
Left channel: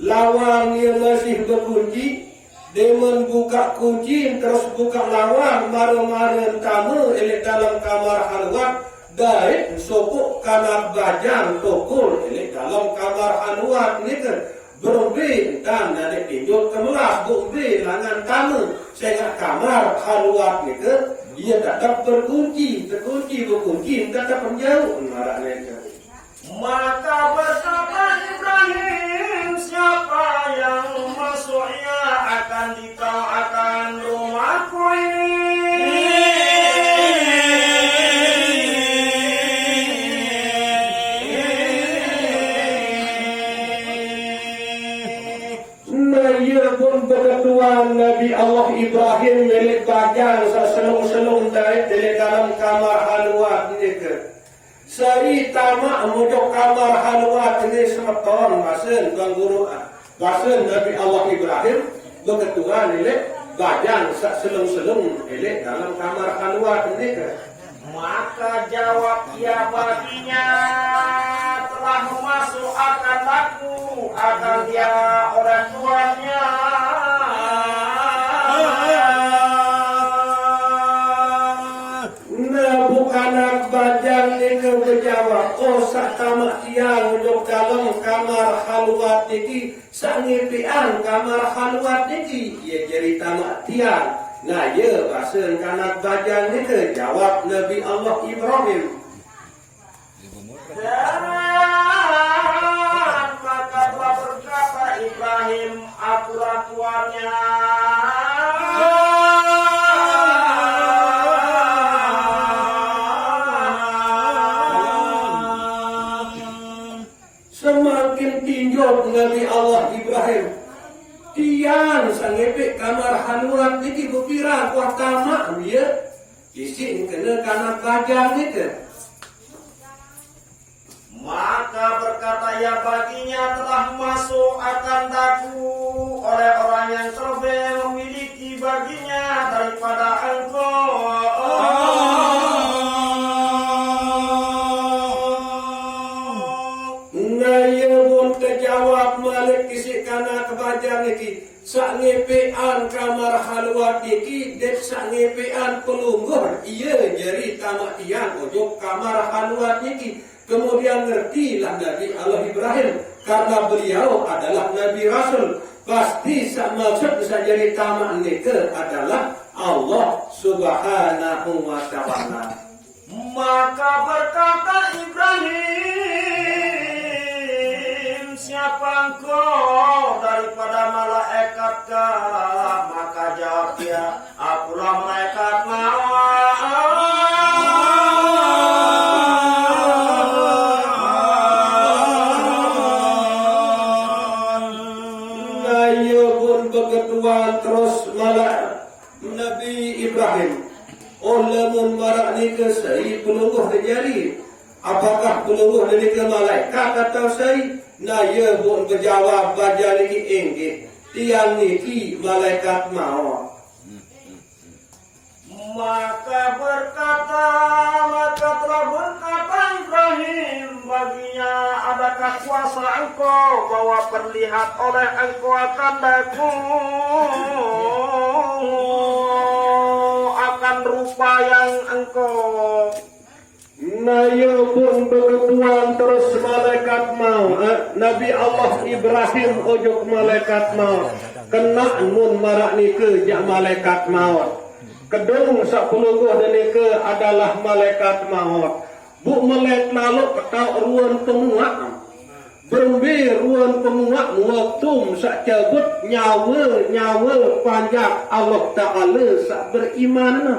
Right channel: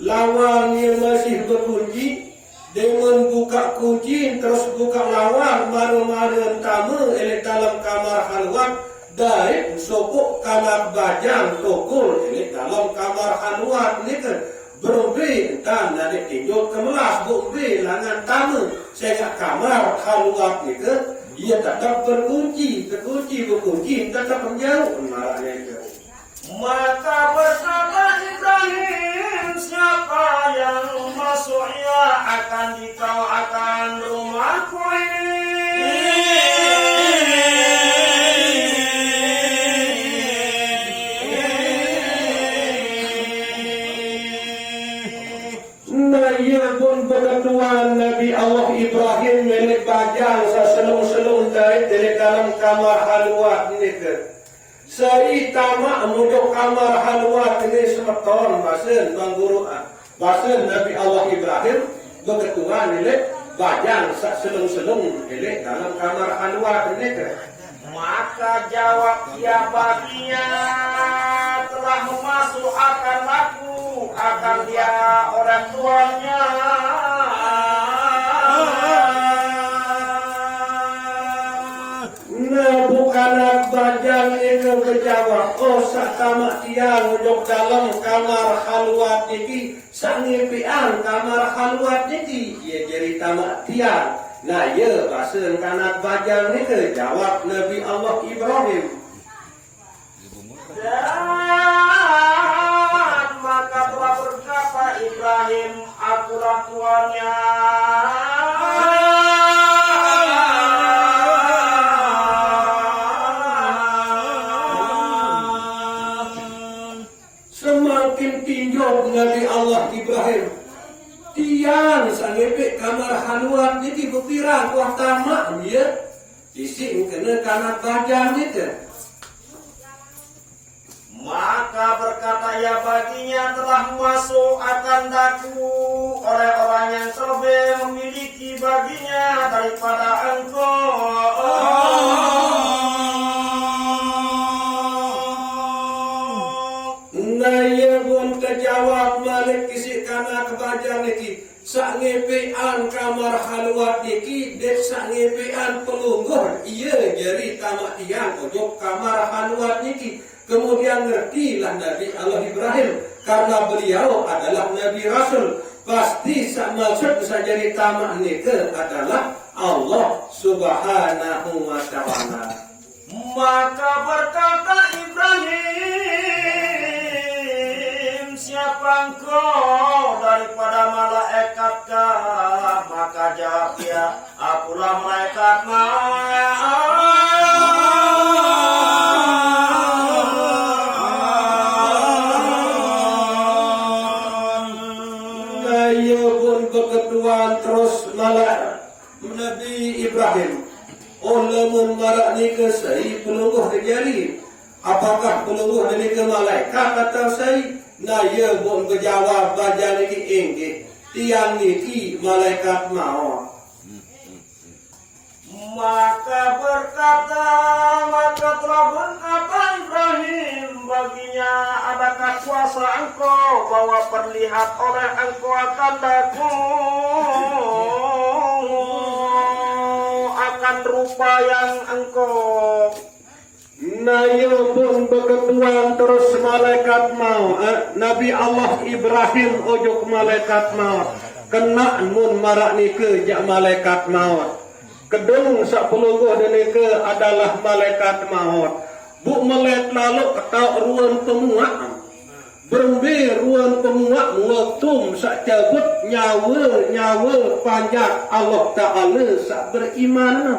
Lawan yang masih berkunci. Dengan buka kunci terus buka lawan maru-maru tamu elek dalam kamar halwat dari sokok kanak bajang tokul elek dalam kamar halwat ni kan berbe dan dari tinjau kemelas berbe langan tamu sehingga kamar halwat ni kan ia tak berkunci berkunci tak ada penjauh marah ni kan. Maka berkata Ibrahim, siapa yang masuk ia akan dikau akan rumahku ini. Nah ia pun berketuan Nabi Allah Ibrahim milik bajang seselung-selung dari dalam kamar halwat ni ke. Saya tamak muduk kamar halwat ini semeton basen Tuan Guru. Basen Nabi Allah Ibrahim berketuan milik bajang selung-selung milik dalam kamar halwat ini ke. Maka jawab ia baginya, telah memasuk akan aku, akan dia orang tuanya. Nah bukan bajang itu berjawab, oh sak tamak tiang duduk dalam kamar halwat ini, sak ngipian kamar halwat ini, ia jadi tamak tiang. Nah ya bahasan kanak bajang itu jawab Nabi Allah Ibrahim. Dan maka telah berkata Ibrahim, akulah tuannya. Semakin tinjau Nabi Allah Ibrahim, tiang sangepek kamar halwat ini berpira kuah tamak dia, isi kena kanak bajang itu. Maka berkata ia baginya, telah masuk akan daku oleh orang yang terlebih memiliki baginya daripada engkau. Nah ia pun terjawab malik isi kanak bajang ini, sak ngepean kamar halwat ini, dek sak ngepean pelungguh, ia jadi tamak tiang ojok kamar halwat ini. Kemudian ngertilah Nabi Allah Ibrahim karena beliau adalah Nabi Rasul. Pasti maksud bisa jadi tamak nikah adalah Allah Subhanahu wa Ta'ala. Maka berkata Ibrahim, siapa engkau daripada malaikatkah? Maka jawab dia, akulah malaikat maut. Ketuan terus malah Nabi Ibrahim, oh lemun marak ni ke saya pelungguh terjadi, apakah pelungguh ni ke malaikat atau saya? Nah ia pun berjawab baca ni enggih, tiang ni ki malaikat maut. Maka telah berkata Ibrahim baginya, adakah kuasa engkau bahwa perlihat oleh engkau akan daku akan rupa yang engkau. Nah ia pun berketuan terus malaikat maut. Nabi Allah Ibrahim ojuk malaikat maut. Kena nun marak ni ke jak malaikat maut. Kedung sak pelungguh denika adalah malaikat maut. Bu melek lalu ketau ruang penguat. Berembe ruang penguat ngatum sak cabut nyawa panjat Allah Ta'ala sak beriman.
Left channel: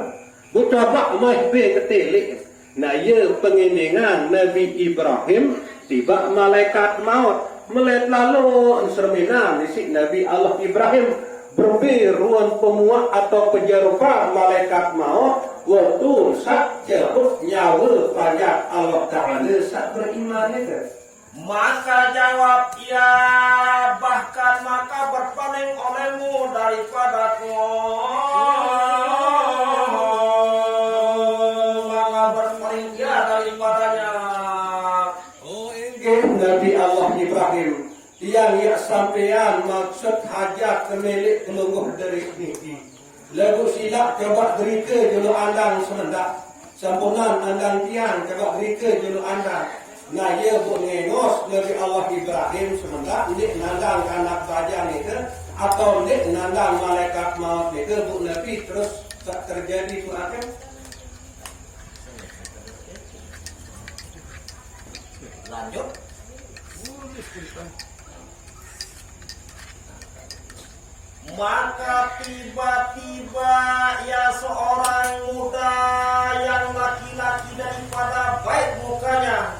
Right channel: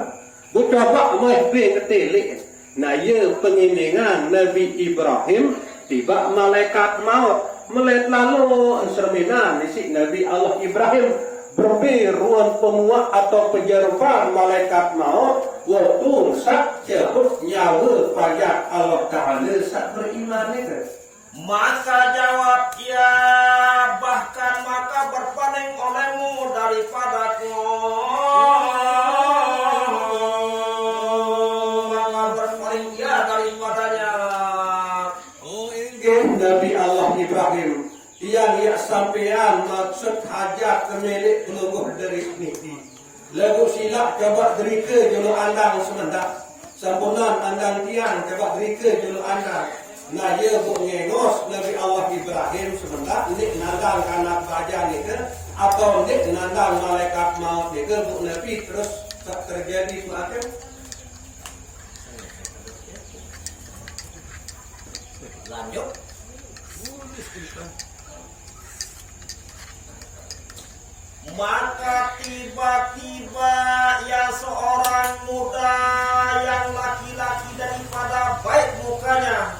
Bu coba mai be ketelik. Nah ia penginingan Nabi Ibrahim tiba malaikat maut. Melek lalu serminan isi Nabi Allah Ibrahim berbir ruang pemuak atau penjerupan malaikat maut waktu sak jebuk nyawa pajak Allah Ta'ala sak beriman itu. Maka jawab ia, bahkan maka berpaling olehmu daripadaku. Maka berpaling ia daripadanya. Nabi Allah Ibrahim yang sampean maksud hajat kemilik keluguh dari ini. Lagu silap coba derika julu andang semendak. Sampunan andang tiang coba derika julu andang. Nah ia bu ngengos Nabi Allah Ibrahim sebentar ini nandang anak baja ni ke atau ni nandang malaikat maut ni ke bu Nabi terus tak terjadi apa? Lanjut. Maka tiba-tiba ya seorang muda yang laki-laki daripada baik mukanya.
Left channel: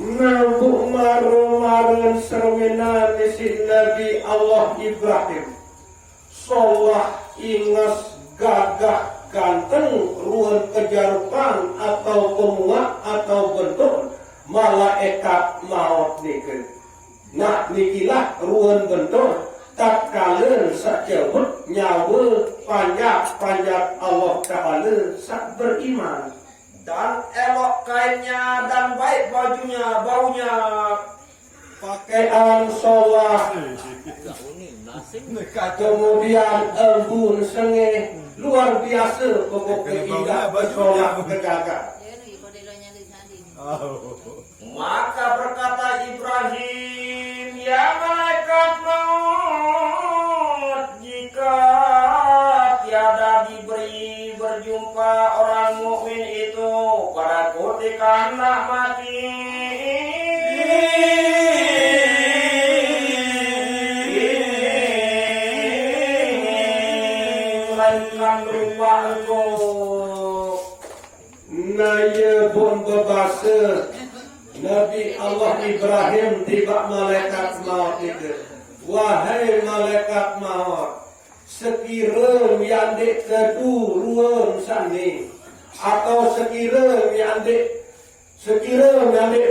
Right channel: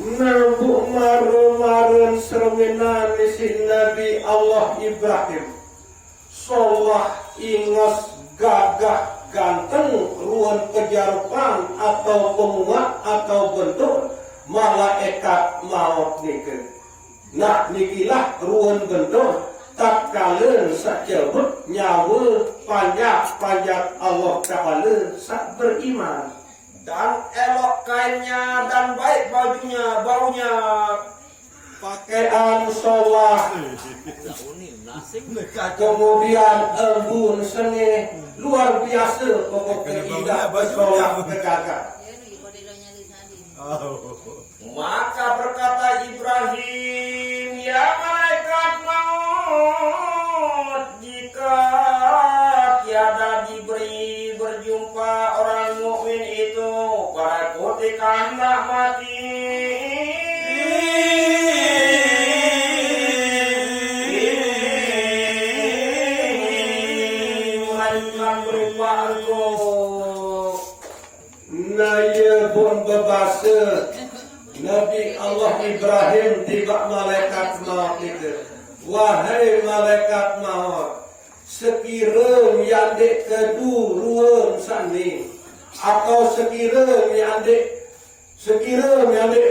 Nabu maru-marun sermina mesin Nabi Allah Ibrahim Solah ingas gagah ganteng ruang kejarupan atau pemuak atau bentuk malaikat maut niku. Nah nikilah ruang bentuk tak kalen sakjebut nyawa panjat Allah Ta'ala sak beriman. Dan elok kainnya dan baik bajunya, baunya. Pakaian sholat, kemudian embun sengih luar biasa pokoknya indah bersolat bergagak. Maka berkata Ibrahim, ya malaikat maut, jika tiada diberi berjumpa orang mukmin itu pada ketika hendak mati, melainkan berupa engkau. Naya pun berbahasa Nabi Allah Ibrahim tiba malaikat maut itu. Wahai malaikat maut, sekiranya yang dek kedu ruang sani atau sekiranya yang dek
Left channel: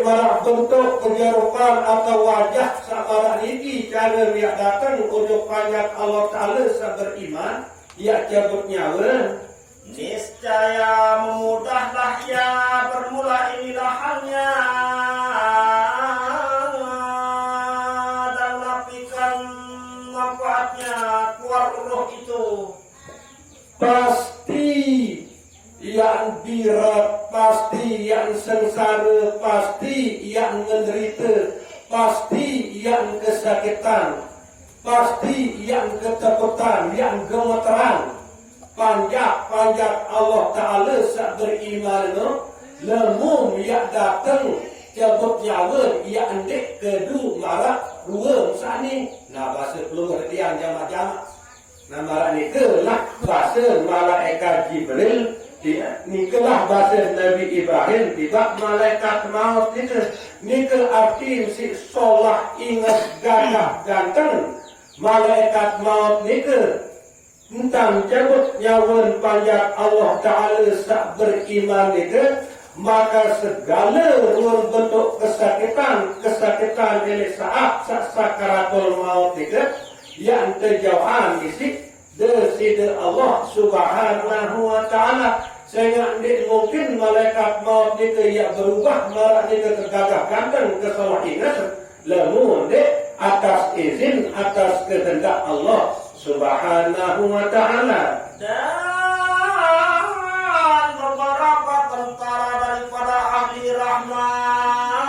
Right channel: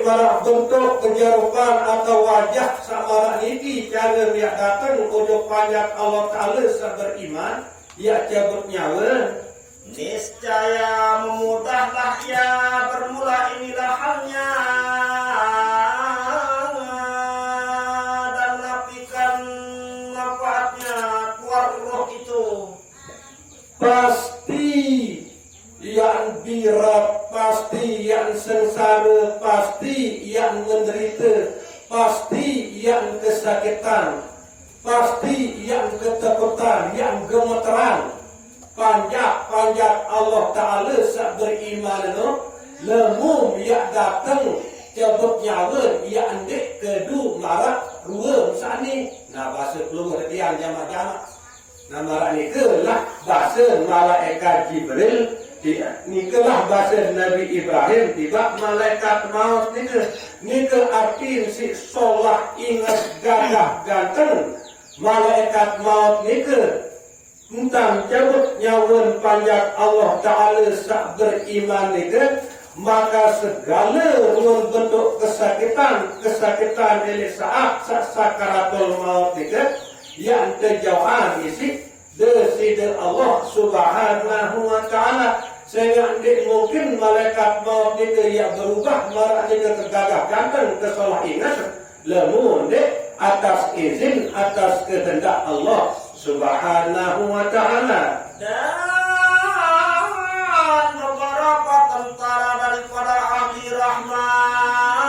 marah bentuk penjerupan atau wajah samarak niki cara dia datang untuk panjat Allah Ta'ala beriman ia cabut nyawa. Niscaya memudahlah ia bermula inilah hanya dan nafikan manfaatnya keluar roh itu. Pasti yang berat, pasti yang sengsara, pasti yang menderita, pasti yang kesakitan, pasti yang ketakutan, yang gemeteran. Panjat Allah Ta'ala sak beriman itu lemum yang datang cabut nyawa yang andek kedu marak ruang sani. Nah bahasa pelunguh yang jamak-jamak. Nah marak ni kelah bahasa malaikat Jibril. Ni kelah bahasa Nabi Ibrahim tiba malaikat maut ni ke. Ni ke arti si solah ingat gagah ganteng. Malaikat maut ni ke tentang cabut nyawa panjat Allah Ta'ala sak beriman itu, maka segala ruang bentuk kesakitan oleh saat sakaratul maut itu yang terjauhan isi dari Allah Subhanahu Wa Ta'ala. Sehingga tidak mungkin malaikat maut itu yang berubah maraknya ke gagah ganteng ke salah ingat lamun atas izin atas kehendak Allah Subhanahu Wa Ta'ala. Dan beberapa tentara daripada ahli rahmat.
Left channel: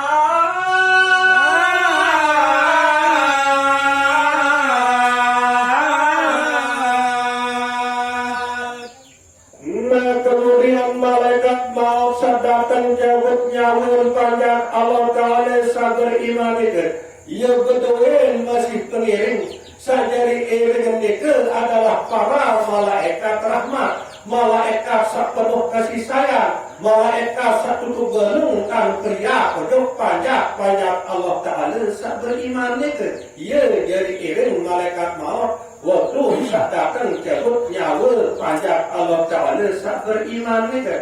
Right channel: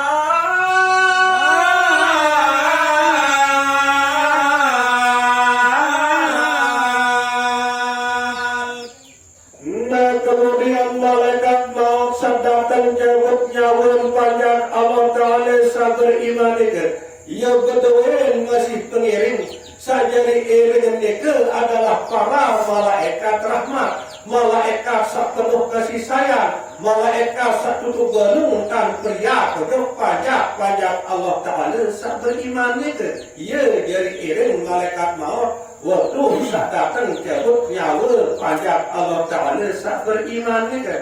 Nah kemudian malaikat maut datang jawab nyawa panjang Allah Ta'ala sabar iman itu. Ia berdoa masih pengiring. Sajari iring mereka adalah para malaikat rahmat, malaikat sak penuh kasih sayang, malaikat sak tutup gelung dan pria penuh panjat Allah Ta'ala sak beriman mereka. Ia jadi iring malaikat maut waktu sak datang cabut nyawa panjat Allah Ta'ala sak beriman ni ke.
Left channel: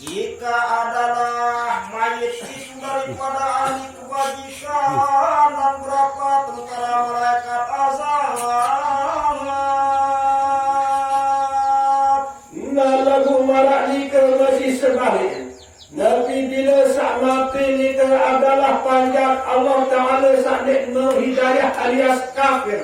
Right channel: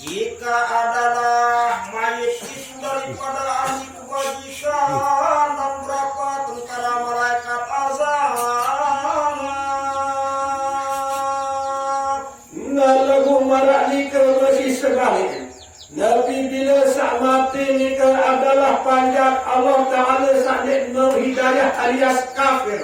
Jika adalah mayit itu daripada ahli kebajikan dan berapa tentara malaikat azab. Nah lagu marak ni ke masih sebalik. Nabi bila sak mati ni ke adalah panjat Allah Ta'ala sak nikmat hidayah alias kafir.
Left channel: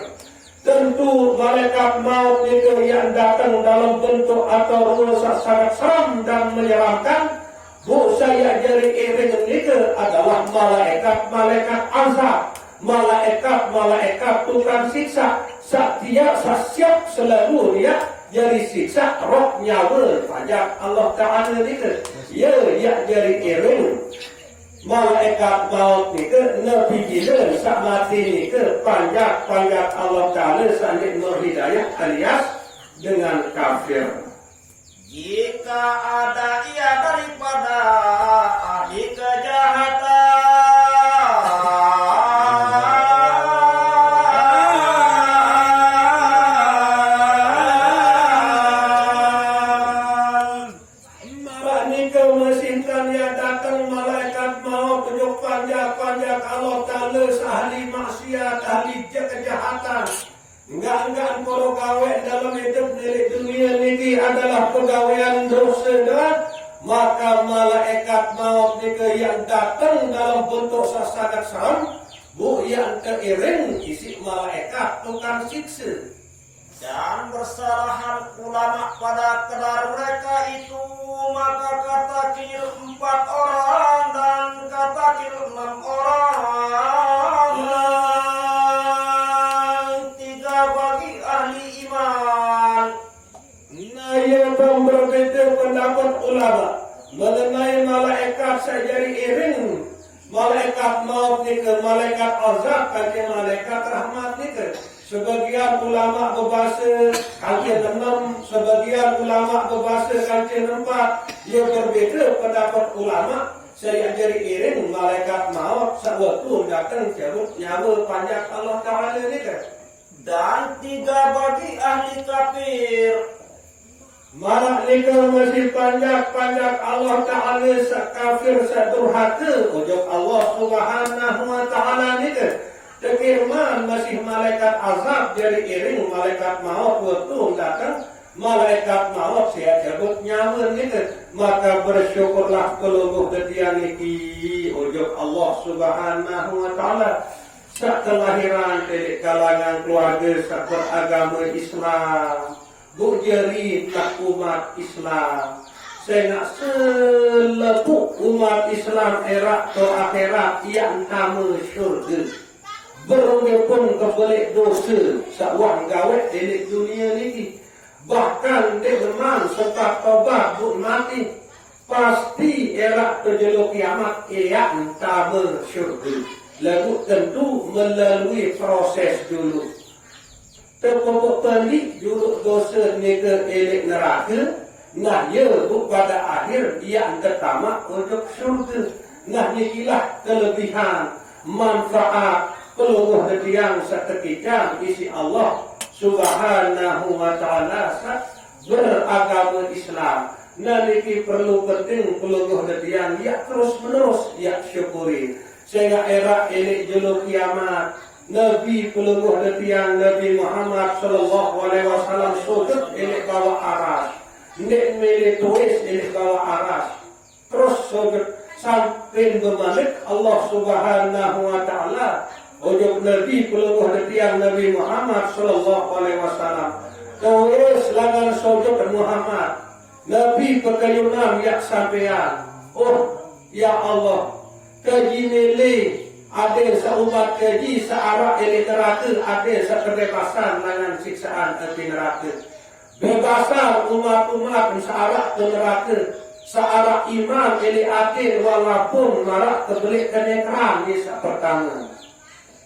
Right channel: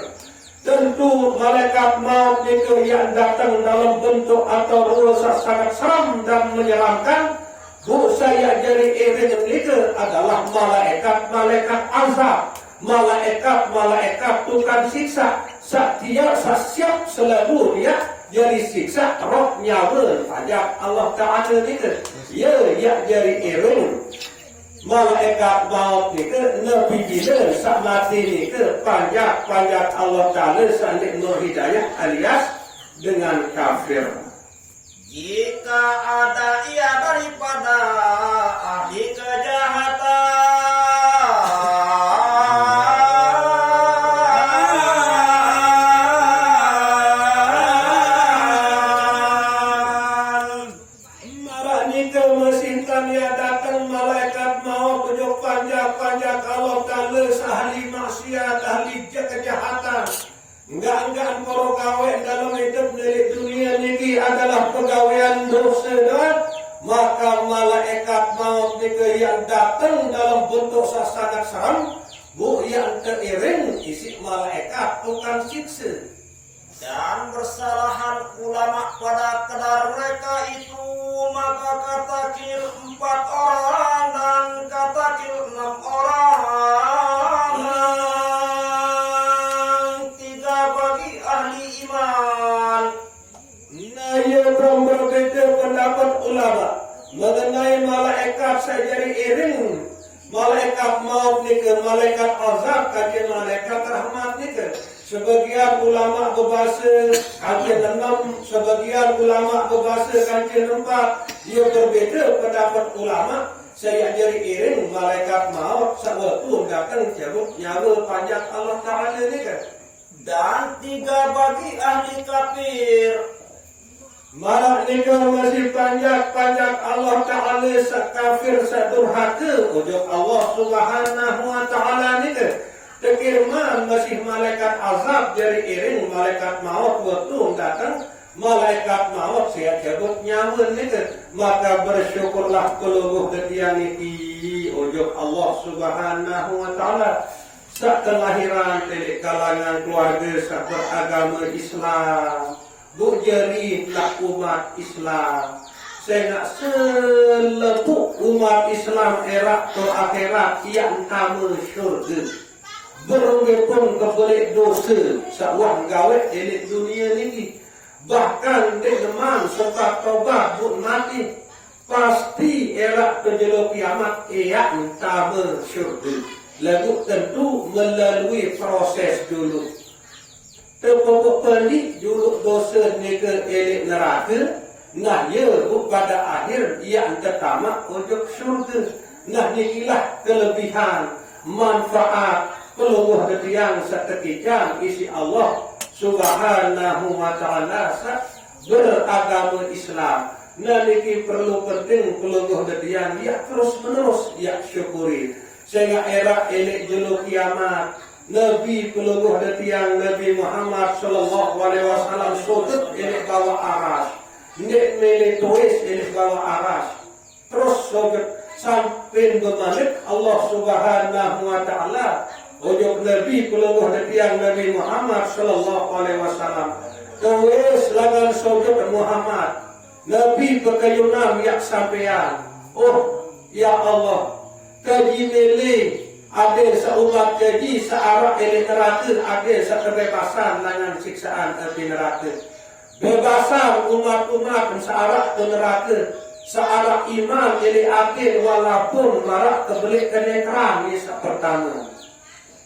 Tentu malaikat maut ni ke yang datang dalam bentuk atau rupa sangat seram dan menyeramkan. Bu saya jadi iring ni ke adalah malaikat azab. Malaikat tukang siksa. Dia siap selalu dia jadi siksa roh nyawa pajak Allah Ta'ala ni ke. Ya jadi iring. Malaikat maut ni ke Nabi bila sak mati ni ke panjat Allah Ta'ala sandik nur hidayah alias dengan kafir. Jika ada ia daripada ahli kejahatan, malah ni ke mesinkan yang datang malaikat maut tujuh panjat Allah Ta'ala ahli maksiat, ahli kejahatan. Enggak para kawan dalam hidup di dunia ini adalah pegawaian dosa dan maka malaikat maut juga yang datang dalam bentuk sangat seram, bu yang teriring isi malaikat tukang siksa. dan bersalahan ulama pada kedar mereka itu, maka kata kil 4 orang dan kata kil 6 orang. Bagi ahli iman. Nah, ia pun berbeza pendapat ulama mengenai malaikat sajari iring. Malaikat maut ni ke malaikat azab kaki malaikat rahmat ni ke. Sebagian ulama berbahasa kaki 6, sebagian ulama berbahasa kaki 4. Ia berbeza pendapat ulama. Saya jadi iring malaikat maut sewaktu datang cabut nyawa panjat Allah Ta'ala ni ke. Dan 3 bagi ahli kafir. Malah ni kalau masih panjat Allah Ta'ala kafir durhaka ujung Allah Subhanahu Wa Ta'ala ni ke. Tekirman masih malaikat azab dari iring malaikat maut waktu datang. Malaikat maut siap cabut nyawa ni ke. Maka bersyukurlah keluruh ketiang ini ujung Allah Subhanahu Wa Ta'ala. Saat kelahiran dari kalangan keluarga saat beragama Islam, berjeri nak umat Islam. Saya nak selepuk umat Islam era ke akhirat yang nama syurga. Berungi pun kebelik dosa sawang gawet di dunia ini. Bahkan dengan serta tobat buk mati. Pasti era terjeluk kiamat yang nama syurga. Lalu tentu melalui proses dulu. Terpokok pelik dulu dosa ni ke elek neraka. Nah ya pada akhir yang tertamak untuk syurga. Nah inilah kelebihan manfaat peluruh yang setekiknya isi Allah Subhanahu Wa Ta'ala beragama Islam. Nah ini perlu penting peluruh yang terus menerus yang syukuri. Sehingga era elek julu kiamat Nabi peluruh detiang Nabi Muhammad Sallallahu Alaihi Wasallam sudut elek bawa aras nek melek tuis elek bawa aras terus sudut sampai berbalik Allah Subhanahu Wa Ta'ala ujung Nabi peluruh detiang Nabi Muhammad Sallallahu Alaihi Wasallam tuis lagan sudut Muhammad Nabi pekayunam yak sampean. Oh ya Allah, kaji mele ada seumat kaji searah ele neraka, ada sekebebasan dengan siksaan api neraka. Bebasan umat-umat searah ke neraka, searah iman ele adil walaupun marak kebelik kenekran ni pertama.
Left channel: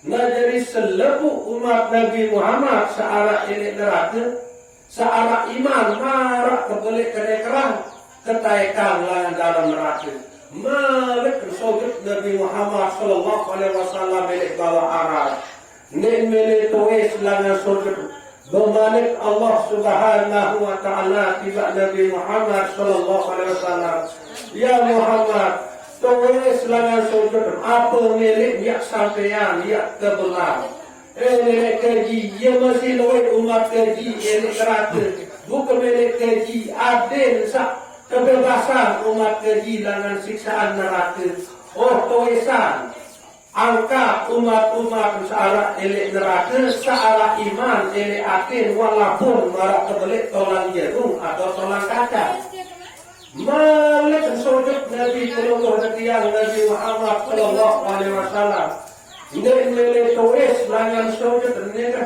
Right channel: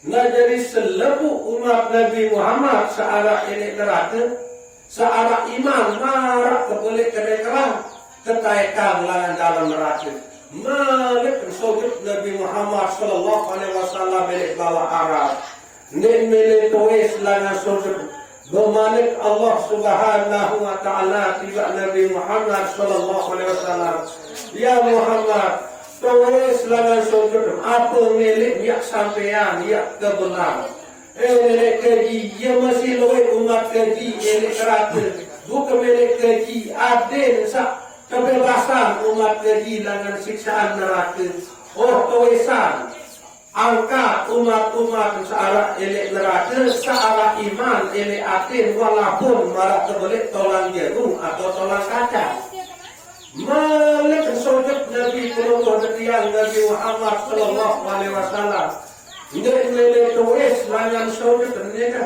Nah jadi seluruh umat Nabi Muhammad searah ele neraka, searah iman marak kebelik kenekran, ketaikan lawan dalam neraka. Malik sogit Nabi Muhammad Sallallahu Alaihi Wasallam milik bawa aras. Mele tulis langan sujud bermanik Allah Subhanahu wa taala tiba Nabi Muhammad sallallahu alaihi wasallam. Ya Muhammad, tulis langan sujud apa milik yak sampean yak kebenar. Milik keji, ia masih loe umat keji milik kerata. Bukan milik keji adil sak kebebasan umat keji langan siksaan neraka. Oh tulisan angkat umat-umat searah elek neraka, searah iman elek atin, walaupun marak kebelik tolang jagung atau tolang kaca. Malik sujud Nabi Sallallahu Nabi Muhammad Sallallahu Alaihi Wasallam. Nggak melek tulis langan sujud mereka.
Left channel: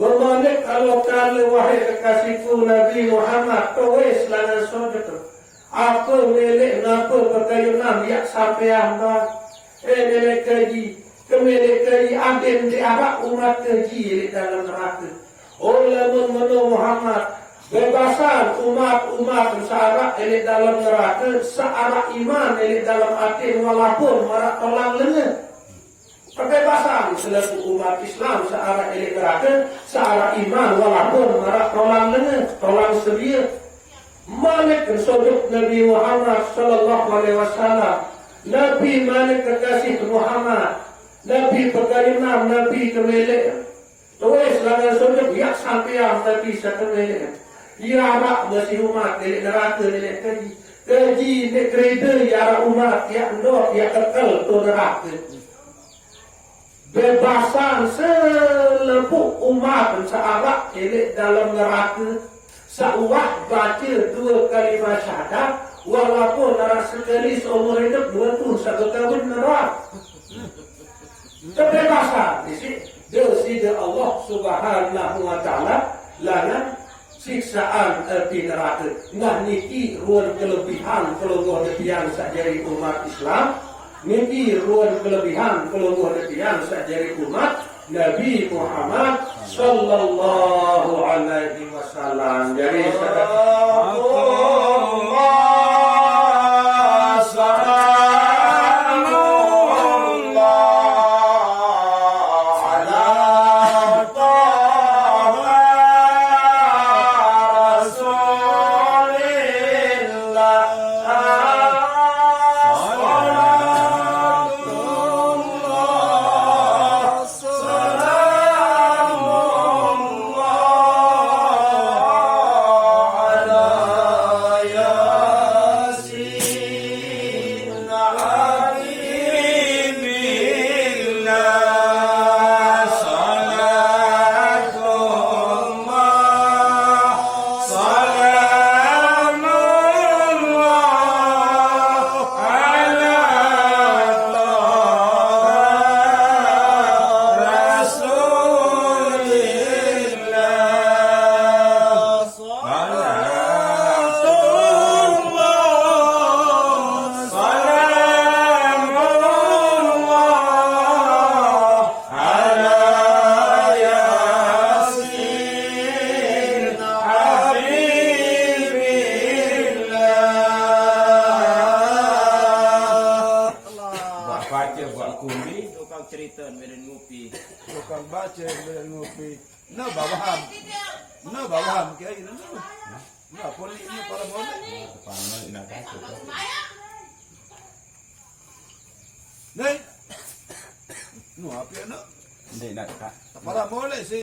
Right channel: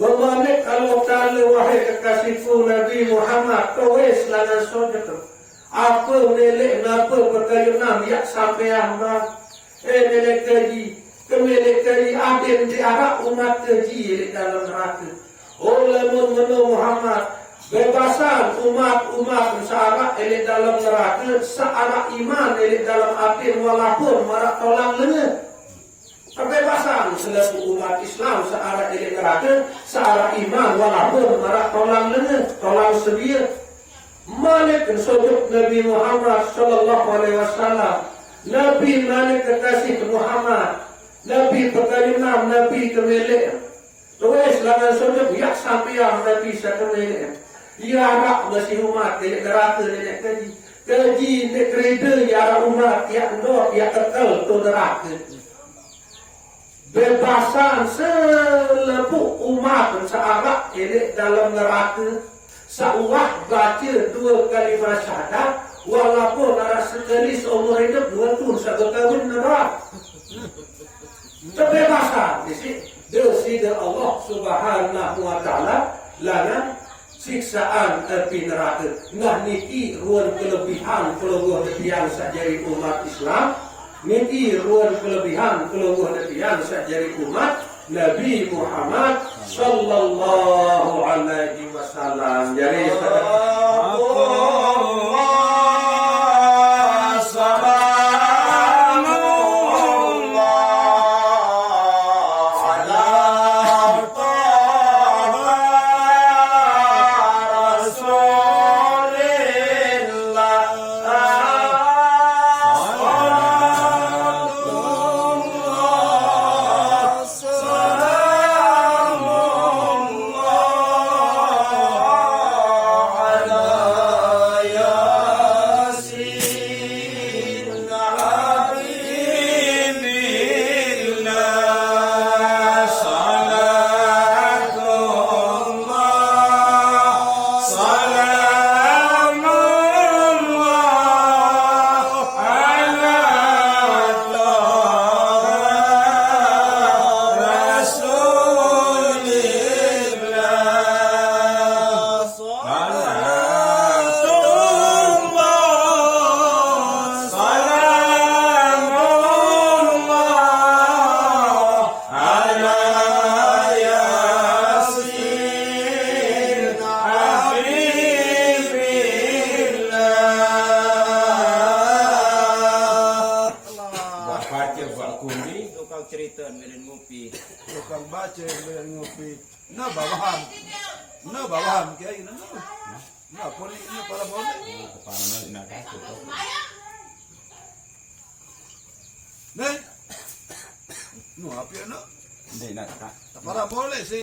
Bermanik Allah Ta'ala wahai kekasihku Nabi Muhammad tulis langan sujud. Apa melek napa perkara yak sampai hamba. Milik keji, kemilik keji adil di arah umat keji di dalam neraka. Oleh menurut Muhammad, bebasan umat searah di dalam neraka, searah iman di dalam hati walaupun marak tolak lengan. Kebebasan selaku umat Islam searah di neraka, searah iman walaupun marak tolak lengan, tolak sedia. Malik sujud Nabi Muhammad Sallallahu Alaihi Wasallam. Nabi mana kekasih Muhammad, Nabi perkalian Nabi kemelek. Tulis langan sujud yak sampean Nabi sekemelek. Ya rak masih umat kelek neraka kelek keji. Keji nek kereta ya umat yak ndok yak kekal tu neraka. Bebasan selepuk umat searak kelek dalam neraka. Sauah baca 2 kalimah syahadat walaupun darah sekali seumur hidup 2 tahun 1 tahun neraka. Kebebasan dari Allah Subhanahu wa taala langan siksaan api neraka. Nah niki ruang kelebihan kelonggoh sajari umat Islam. Niki ruang kelebihan kelonggoh sajari umat Nabi Muhammad sallallahu alaihi wasallam. Jadi cerita belen ngopi. Tukang baca belen ngopi. Na bawahan. Na bawahan kiai na. Na poli na para boleh. Paano inakasih to? Nih. No, api na. Hindi na ka. Para boleh sih.